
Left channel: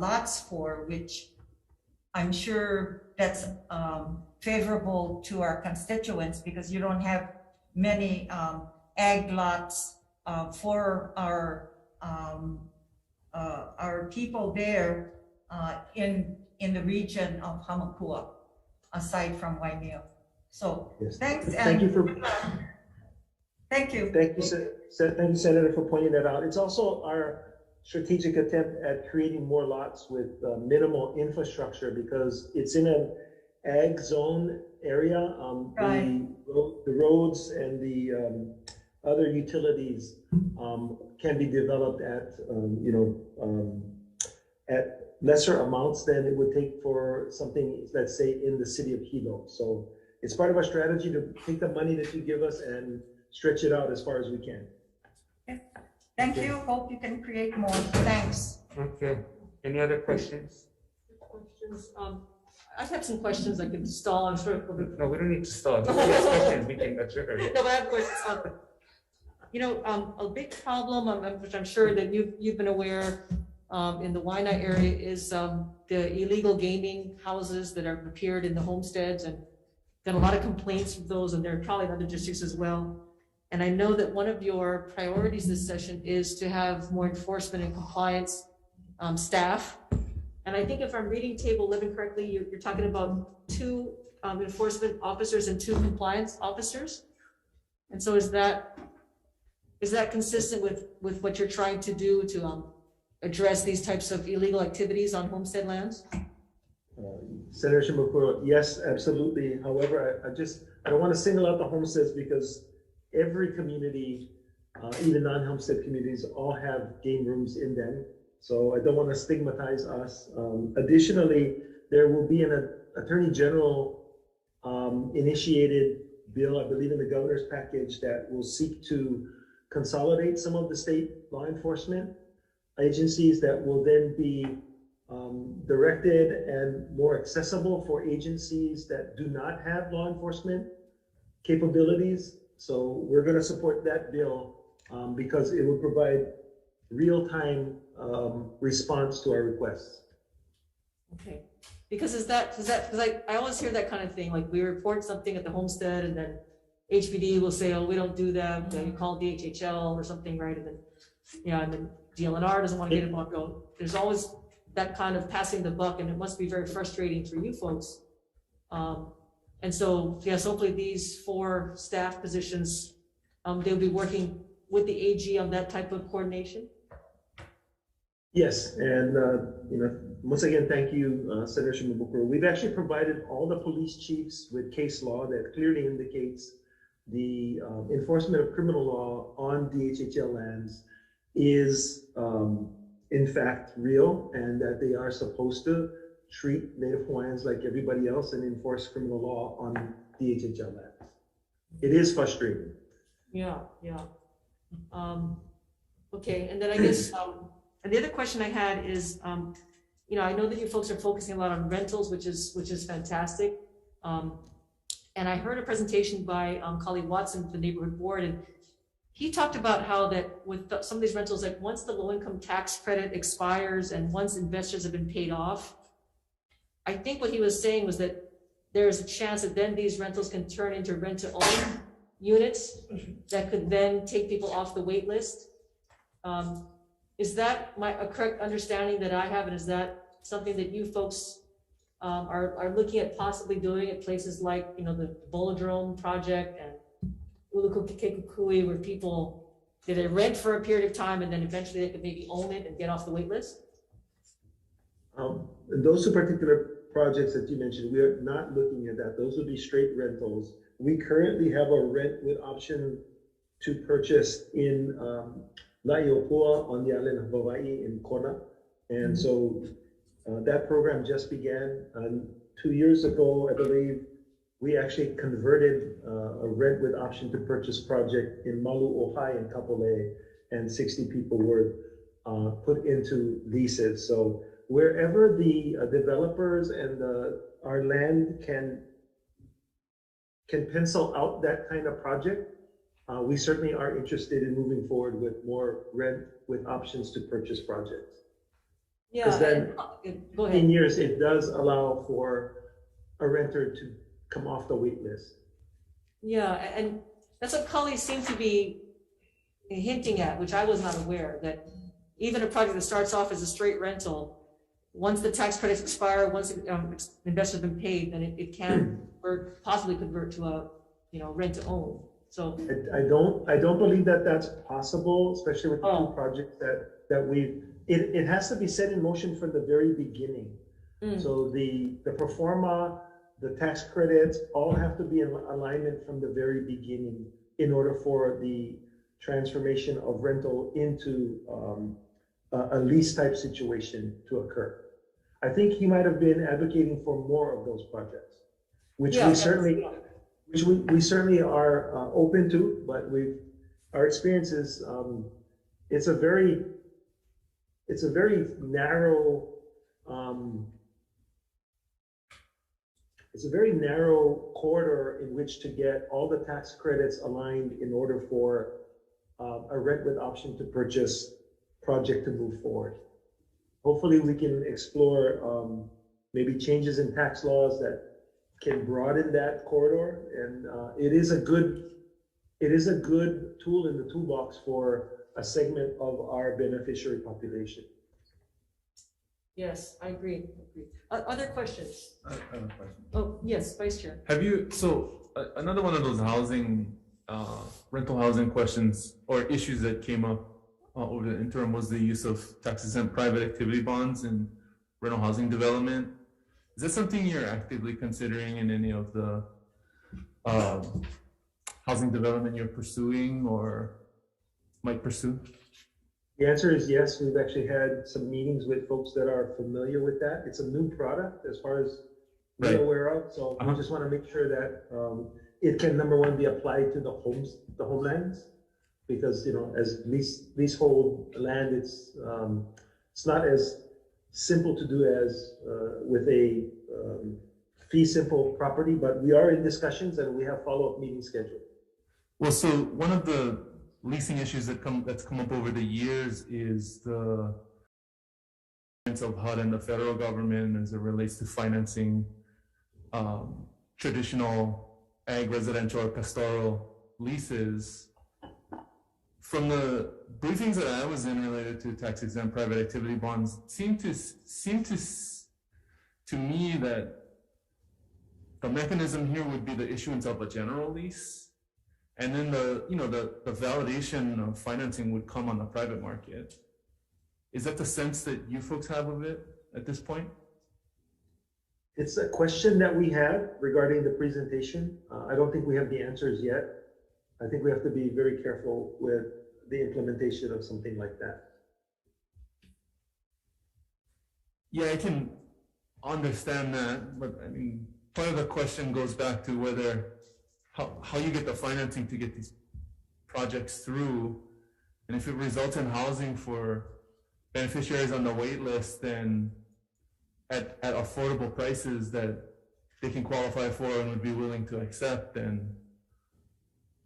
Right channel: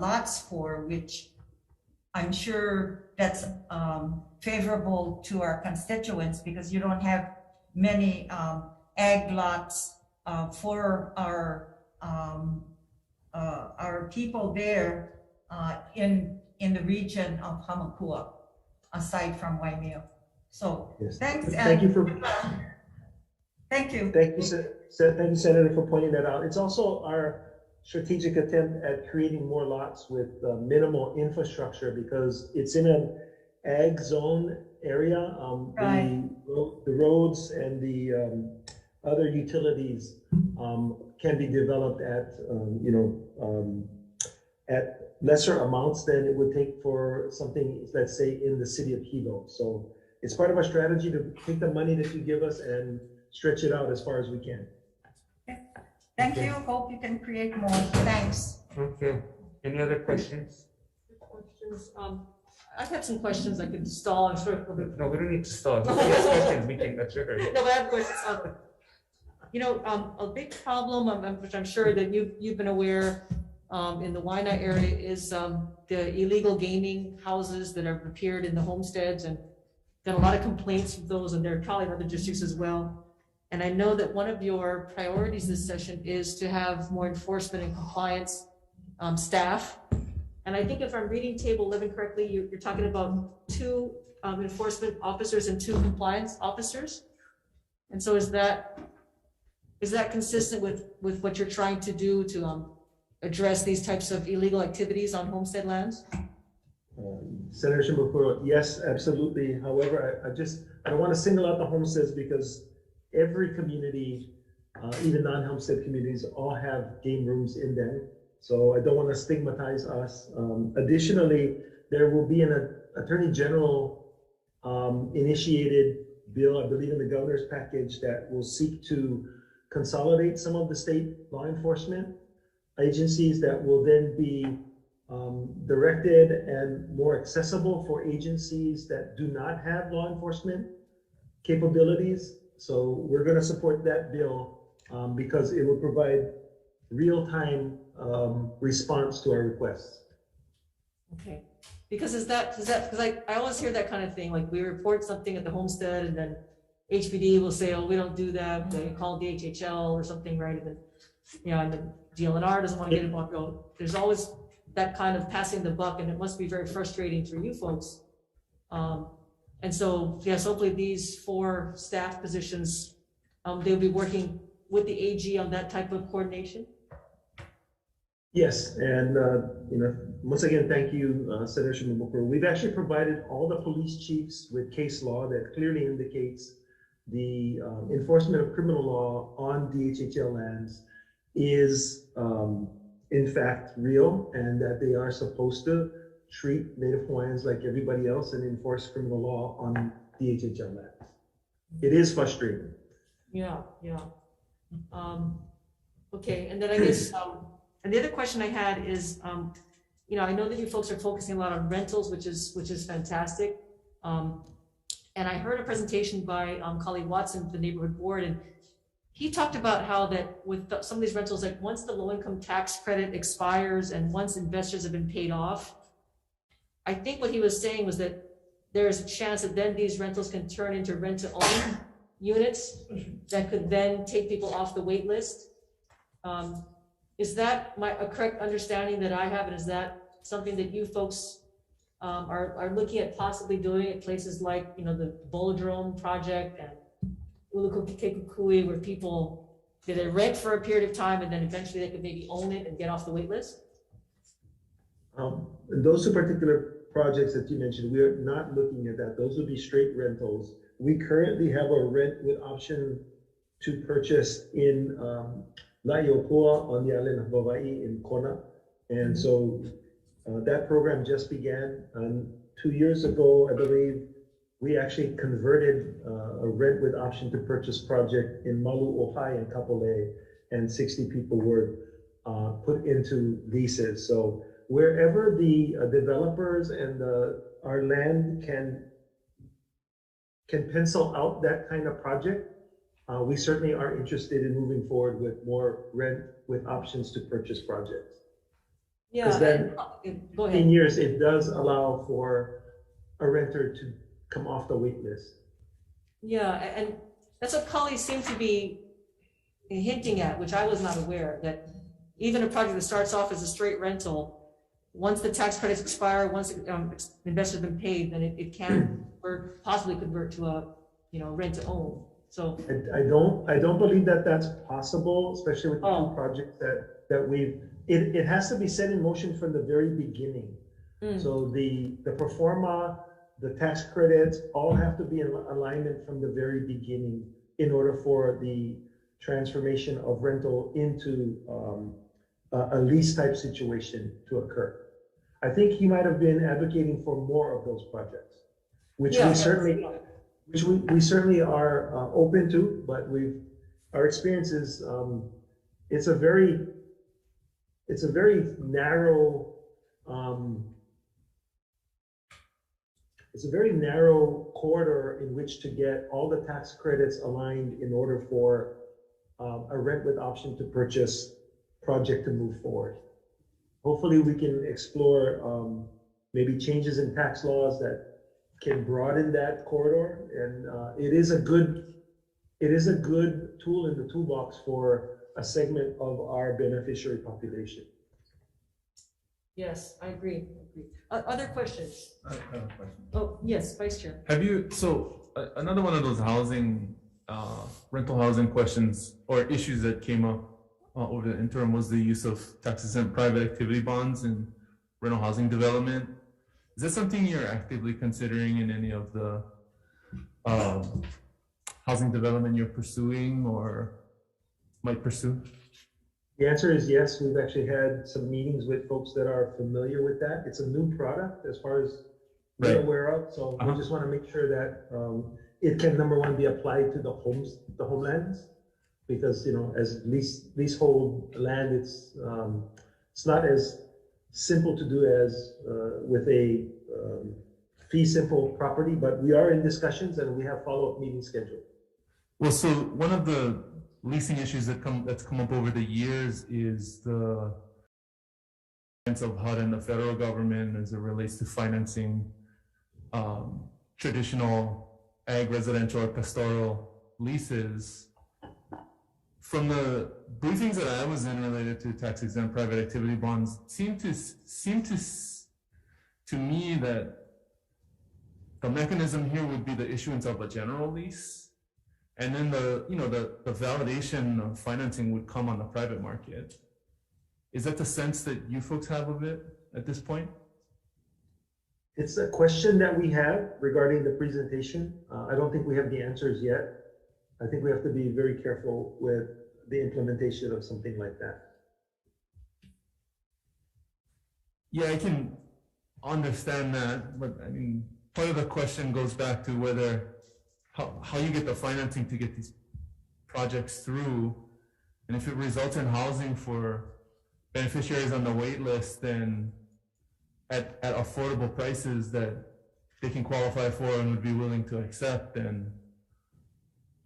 lots for, which I'm sure that's favorable to our constituents because you don't have many ag lots for our people there in the region of Hamakua, aside from Waimea. So Yes. thanks. Thank you for. Thank you. Thank you, Senator, for pointing that out. It's also our strategic attempt at creating more lots with minimal infrastructure because it's in an ag zone area. Right. The roads and the other utilities can be developed at at lesser amounts than it would take for something, let's say, in the city of Hilo. So it's part of our strategy to take the money that you give us and stretch it out as far as we can. Thank you. Hope you can create more. Thanks. Okay, any other questions? Questions? I have some questions I can stall, I'm sure. No, we don't need to start. If you have questions, we can adjourn. No, but I have questions. A big problem, which I'm sure that you've been aware in the Waianae area is the illegal gaming houses that have appeared in the homesteads, and got a lot of complaints of those, and there are probably in other districts as well. And I know that one of your priorities this session is to have more enforcement and compliance staff. And I think if I'm reading table 11 correctly, you're talking about 2 enforcement officers and 2 compliance officers. And so is that consistent with what you're trying to do to address these types of illegal activities on homestead lands? Senator Shimabukuro, yes, absolutely. However, I don't want to single out the homesteads because every community, even non-homestead communities, all have game rooms in them. So I don't want to stigmatize us. Additionally, there will be an Attorney General initiated bill, I believe in the governor's package, that will seek to consolidate some of the state law enforcement agencies that will then be directed and more accessible for agencies that do not have law enforcement capabilities. So we're going to support that bill because it will provide real-time response to our requests. Okay, because I always hear that kind of thing, like we report something at the homestead and then HPD will say, oh, we don't do that. Then you call DHHL or something, right? And then, and then DLNR doesn't want to get involved. There's always that kind of passing the buck, and it must be very frustrating for you folks. And so, yes, hopefully these 4 staff positions, they'll be working with the AG on that type of coordination? Yes, and, once again, thank you, Senator Shimabukuro. We've actually provided all the police chiefs with case law that clearly indicates the enforcement of criminal law on DHHL lands is, in fact, real, and that they are supposed to treat Native Hawaiians like everybody else and enforce criminal law on DHHL lands. It is frustrating. Yeah. Okay, and then I guess, and the other question I had is, I know that you folks are focusing a lot on rentals, which is fantastic. And I heard a presentation by colleague Watson, the neighborhood board, and he talked about how that with some of these rentals, like once the low-income tax credit expires and once investors have been paid off, I think what he was saying was that there's a chance that then these rentals can turn into rent-to-own units that could then take people off the wait list. Is that a correct understanding that I have, and is that something that you folks are looking at possibly doing at places like, the Bolodrome project and Ulukukekukui, where people, they rent for a period of time and then eventually they could maybe own it and get off the wait list? In those two particular projects that you mentioned, we are not looking at that. Those would be straight rentals. We currently have a rent with option to purchase in La'iopua on the island of Hawai'i in Kona. And so that program just began. 2 years ago, I believe, we actually converted a rent with option to purchase project in Malu Ohai in Kapolei, and 60 people were put into leases. So wherever the developers and our land can pencil out that kind of project, we certainly are interested in moving forward with more rent with options to purchase projects. Yeah, Because then go in ahead. years, it does allow for a renter to come off the wait list. Yeah, and that's what Cully seemed to be hinting at, which I was not aware, that even a project that starts off as a straight rental, once the tax credits expire, once investors have been paid, then it can or possibly convert to a rent to own. So I don't believe that that's possible, especially with the two projects that we've. It has to be set in motion from the very beginning. So the pro forma, the tax credits, all have to be in alignment from the very beginning in order for the transformation of rental into a lease type situation to occur. I think he might have been advocating for more of those projects, which we certainly are open to, but our experience is it's a very narrow corridor in which to get all the tax credits aligned in order for a rent with option to purchase project to move forward. Hopefully we can explore maybe changes in tax laws that can broaden that corridor, and it is a good tool in the toolbox for a segment of our beneficiary population. yes, I agree. Other questions? I have a question. Oh, yes, Vice Chair. Another one of those rental housing questions or issues that came up over the interim was the use of tax-exempt private activity bonds in rental housing development. Is that something you're actively considering in any of the housing development you're pursuing or might pursue? The answer is yes. We've actually had some meetings with folks that are familiar with that. It's a new product as far as we're aware of. So we just want to make sure that it can, number one, be applied to the homelands, because as leasehold land, it's not as simple to do as with a fee simple property. But we are in discussions and we have follow-up meetings scheduled. Well, so one of the leasing issues that's come up over the years is the of HUD and the federal government as it relates to financing traditional ag, residential, or pastoral leases. From the briefings that I was in related to tax-exempt private activity bonds, seemed to me that the mechanism here would be the issuance of a general lease, and then the validation of financing would come on the private market. Is that the sense that you folks have of it at this point? It's a question that we have regarding the presentation. I don't think we have the answers yet. I think we have to be very careful with the implementation of something like that. Yeah, I can understand that, but I mean, part of the question goes back to whether how you get the financing to get these projects through, and if it results in housing for beneficiaries on the wait list, then at affordable prices that they can qualify for and would be willing to accept, then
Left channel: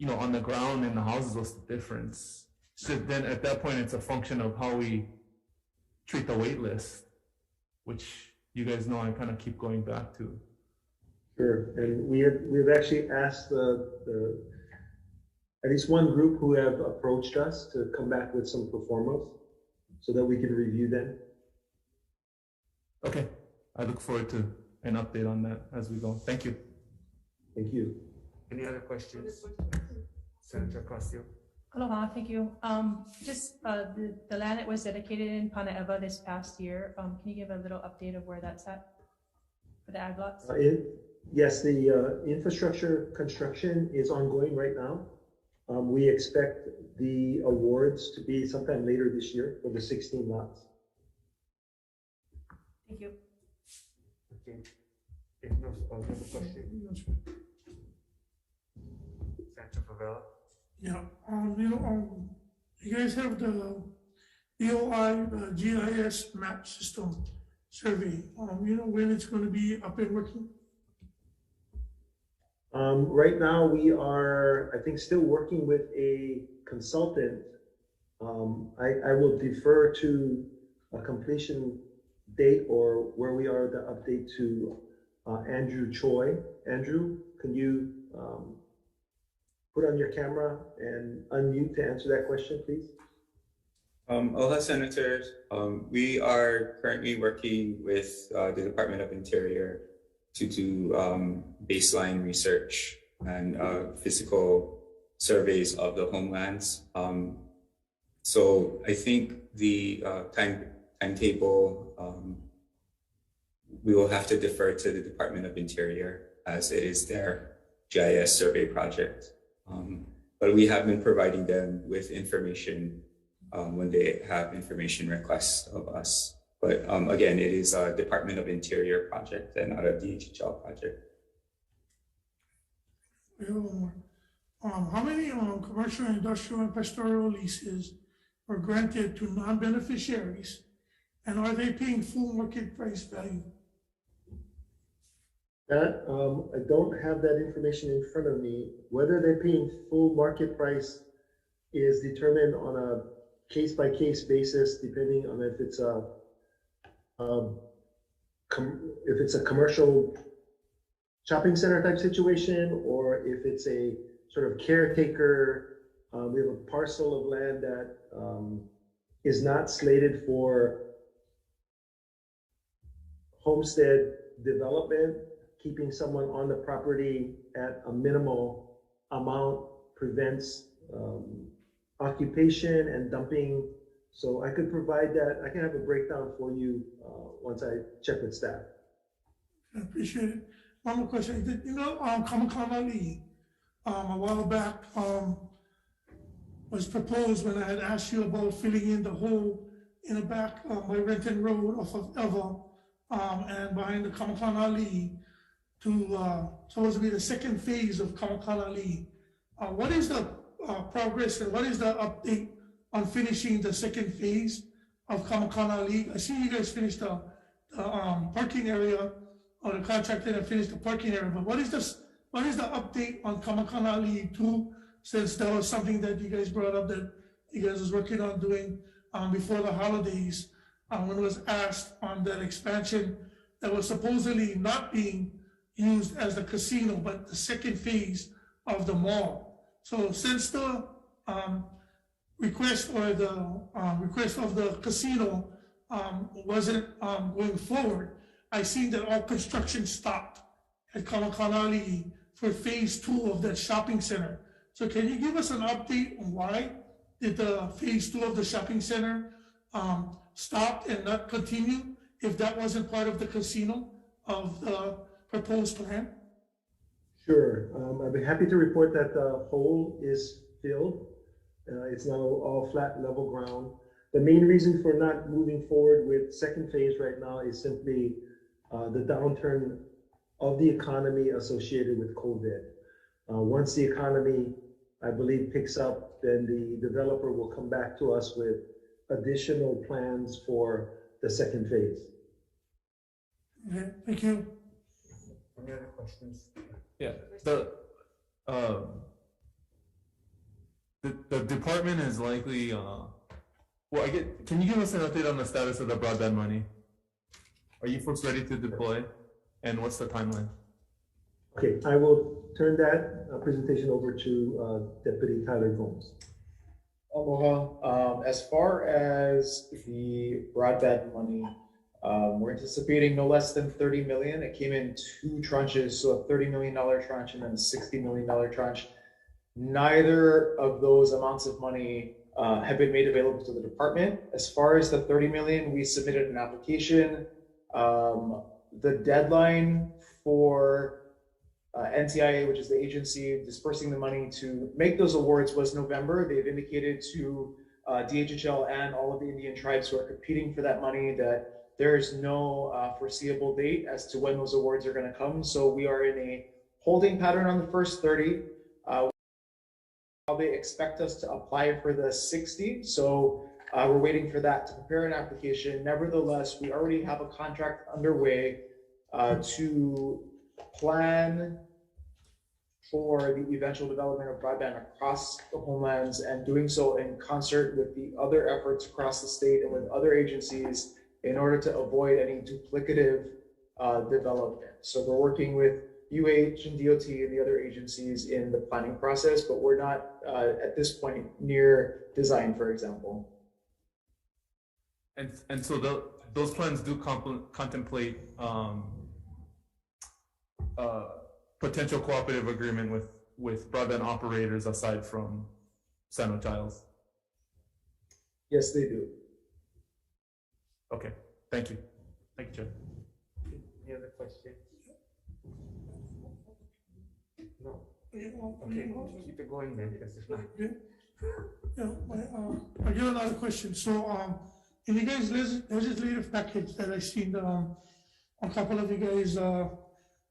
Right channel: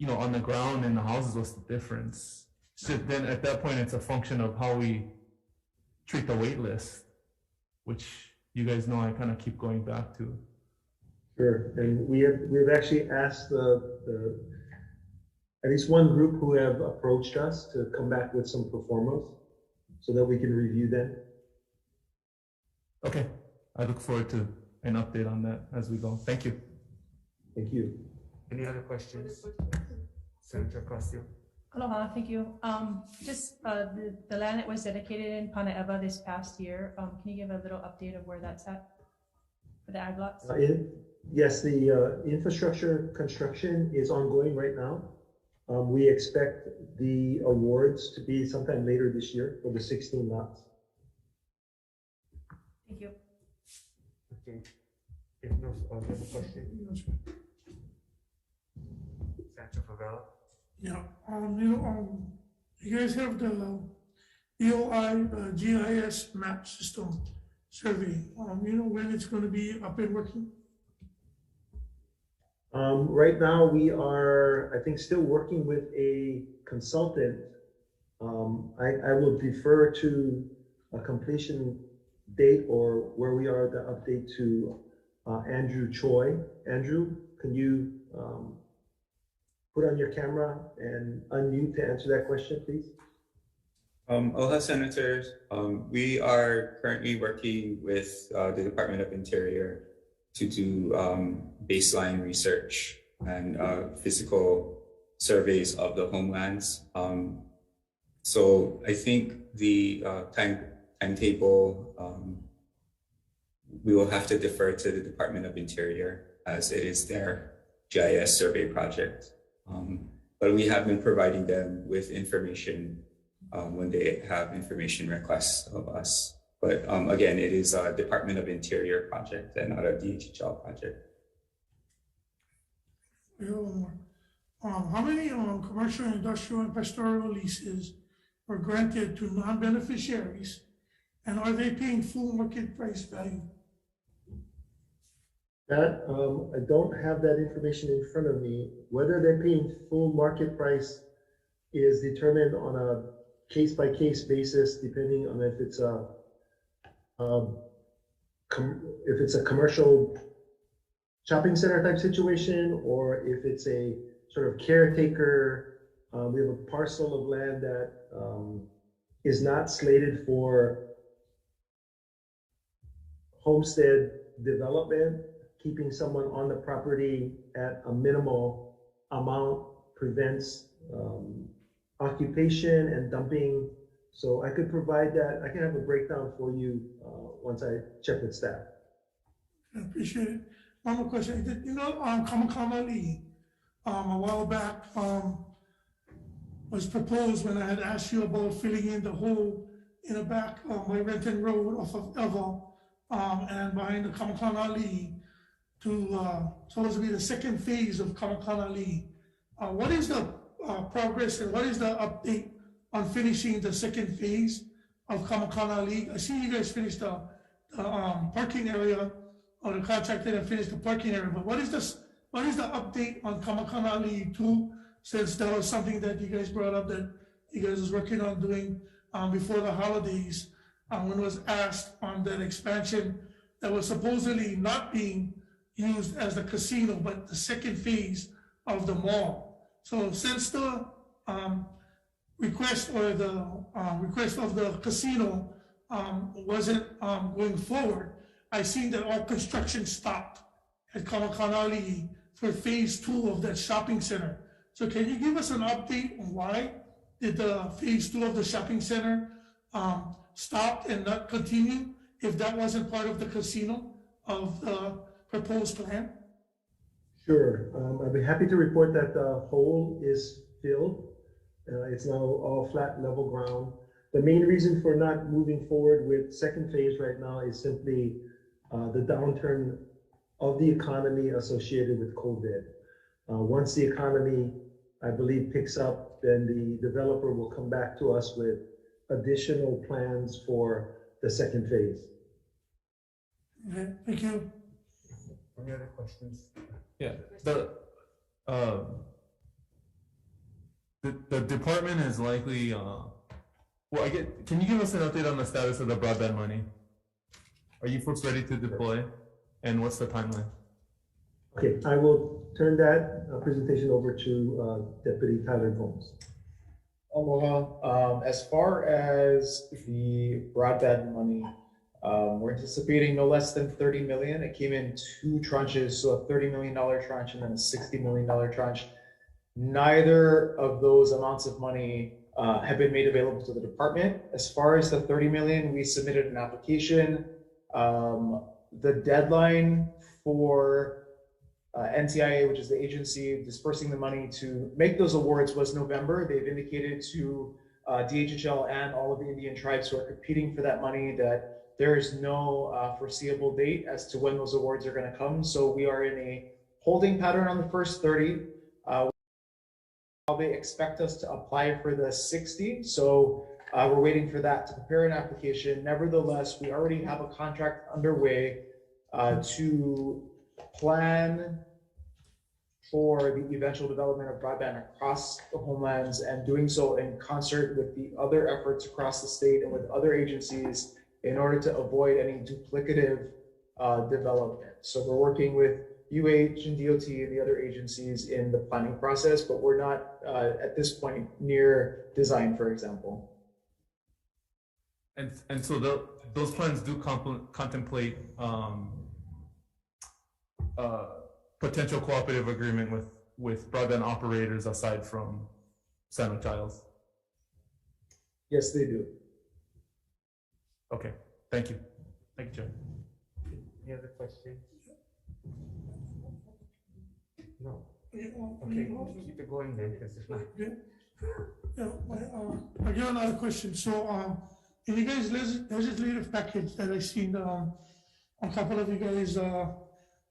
on the ground in the houses, what's the difference? So then at that point, it's a function of how we treat the wait list, which you guys know I kind of keep going back to. Sure, and we've actually asked the at least one group who have approached us to come back with some pro formas so that we can review them. Okay, I look forward to an update on that as we go. Thank you. Thank you. Any other questions? Senator Castillo. Aloha, thank you. Just the land that was dedicated in Panaeva this past year, can you give a little update of where that's at for the ag lots? Yes, the infrastructure construction is ongoing right now. We expect the awards to be sometime later this year for the 16 lots. Thank you. Okay. If no other questions, Senator Favela. Yeah, you guys have the EOI, the GIS map system survey. When it's going to be up and working? Right now we are, I think, still working with a consultant. I will defer to a completion date or where we are, the update to Andrew Choi. Andrew, can you put on your camera and unmute to answer that question, please? Aloha, Senators. We are currently working with the Department of Interior to do baseline research and physical surveys of the homelands. So I think the timetable, we will have to defer to the Department of Interior as it is their GIS survey project. But we have been providing them with information when they have information requests of us. But again, it is a Department of Interior project and not a DHHL project. How many commercial, industrial, and pastoral leases were granted to non-beneficiaries, and are they paying full market price value? That, I don't have that information in front of me. Whether they're paying full market price is determined on a case-by-case basis, depending on if it's a commercial shopping center type situation, or if it's a sort of caretaker. We have a parcel of land that is not slated for homestead development. Keeping someone on the property at a minimal amount prevents occupation and dumping. So I could provide that. I can have a breakdown for you once I check with staff. I appreciate it. One more question. Kamakanali, a while back, was proposed when I had asked you about filling in the hole in the back of my Renton Road off of Eva and behind the Kamakanali to supposed to be the second phase of Kamakanali. What is the progress and what is the update on finishing the second phase of Kamakanali? I see you guys finished the parking area, or the contractor that finished the parking area, but what is the update on Kamakanali 2, since that was something that you guys brought up that you guys was working on doing before the holidays, when it was asked on that expansion that was supposedly not being used as the casino, but the second phase of the mall. So since the request or the request of the casino wasn't going forward, I seen that all construction stopped at Kamakanali for phase 2 of that shopping center. So can you give us an update on why did the phase 2 of the shopping center stop and not continue if that wasn't part of the casino of the proposed plan? Sure. I'd be happy to report that the hole is filled. It's now all flat, level ground. The main reason for not moving forward with second phase right now is simply the downturn of the economy associated with COVID. Once the economy, I believe, picks up, then the developer will come back to us with additional plans for the second phase. Okay, thank you. Any other questions? Yeah, the department is likely, well, can you give us an update on the status of the broadband money? Are you folks ready to deploy? And what's the timeline? Okay, I will turn that presentation over to Deputy Tyler Gomes. Aloha. As far as the broadband money, we're anticipating no less than 30 million. It came in 2 tranches, so a $30 million tranche and then a $60 million tranche. Neither of those amounts of money have been made available to the department. As far as the 30 million, we submitted an application. The deadline for NTIA, which is the agency dispersing the money to make those awards, was November. They've indicated to DHHL and all of the Indian tribes who are competing for that money that there is no foreseeable date as to when those awards are going to come. So we are in a holding pattern on the first 30. They expect us to apply for the 60. So we're waiting for that to prepare an application. Nevertheless, we already have a contract underway to plan for the eventual development of broadband across the homelands, and doing so in concert with the other efforts across the state and with other agencies in order to avoid any duplicative development. So we're working with UH and DOT and the other agencies in the planning process, but we're not at this point near design, for example. And so those plans do contemplate potential cooperative agreement with broadband operators aside from San Giles. Yes, they do. Okay, thank you. Thank you, Chair. Any other questions? No. Okay, keep it going then, because if not. Yeah, I got another question. So, in you guys' legislative package that I seen on a couple of you guys'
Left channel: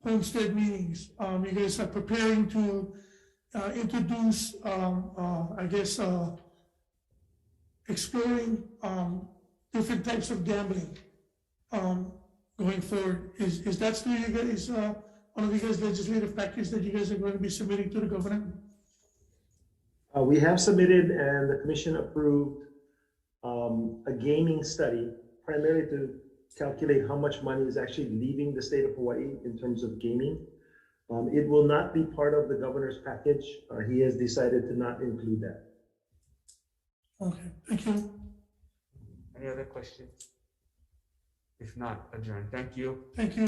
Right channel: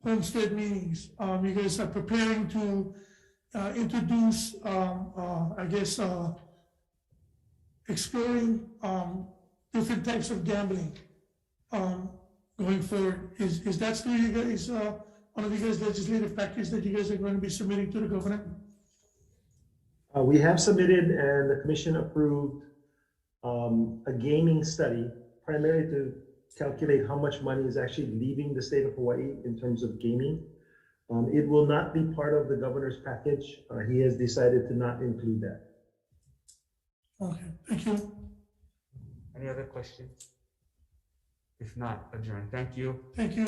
homestead meetings, you guys are preparing to introduce, I guess, exploring different types of gambling going forward. Is that still you guys, one of you guys' legislative package that you guys are going to be submitting to the governor? We have submitted and the commission approved a gaming study, primarily to calculate how much money is actually leaving the state of Hawaii in terms of gaming. It will not be part of the governor's package. He has decided to not include that. Okay, thank you. Any other questions? If not, adjourn. Thank you. Thank you.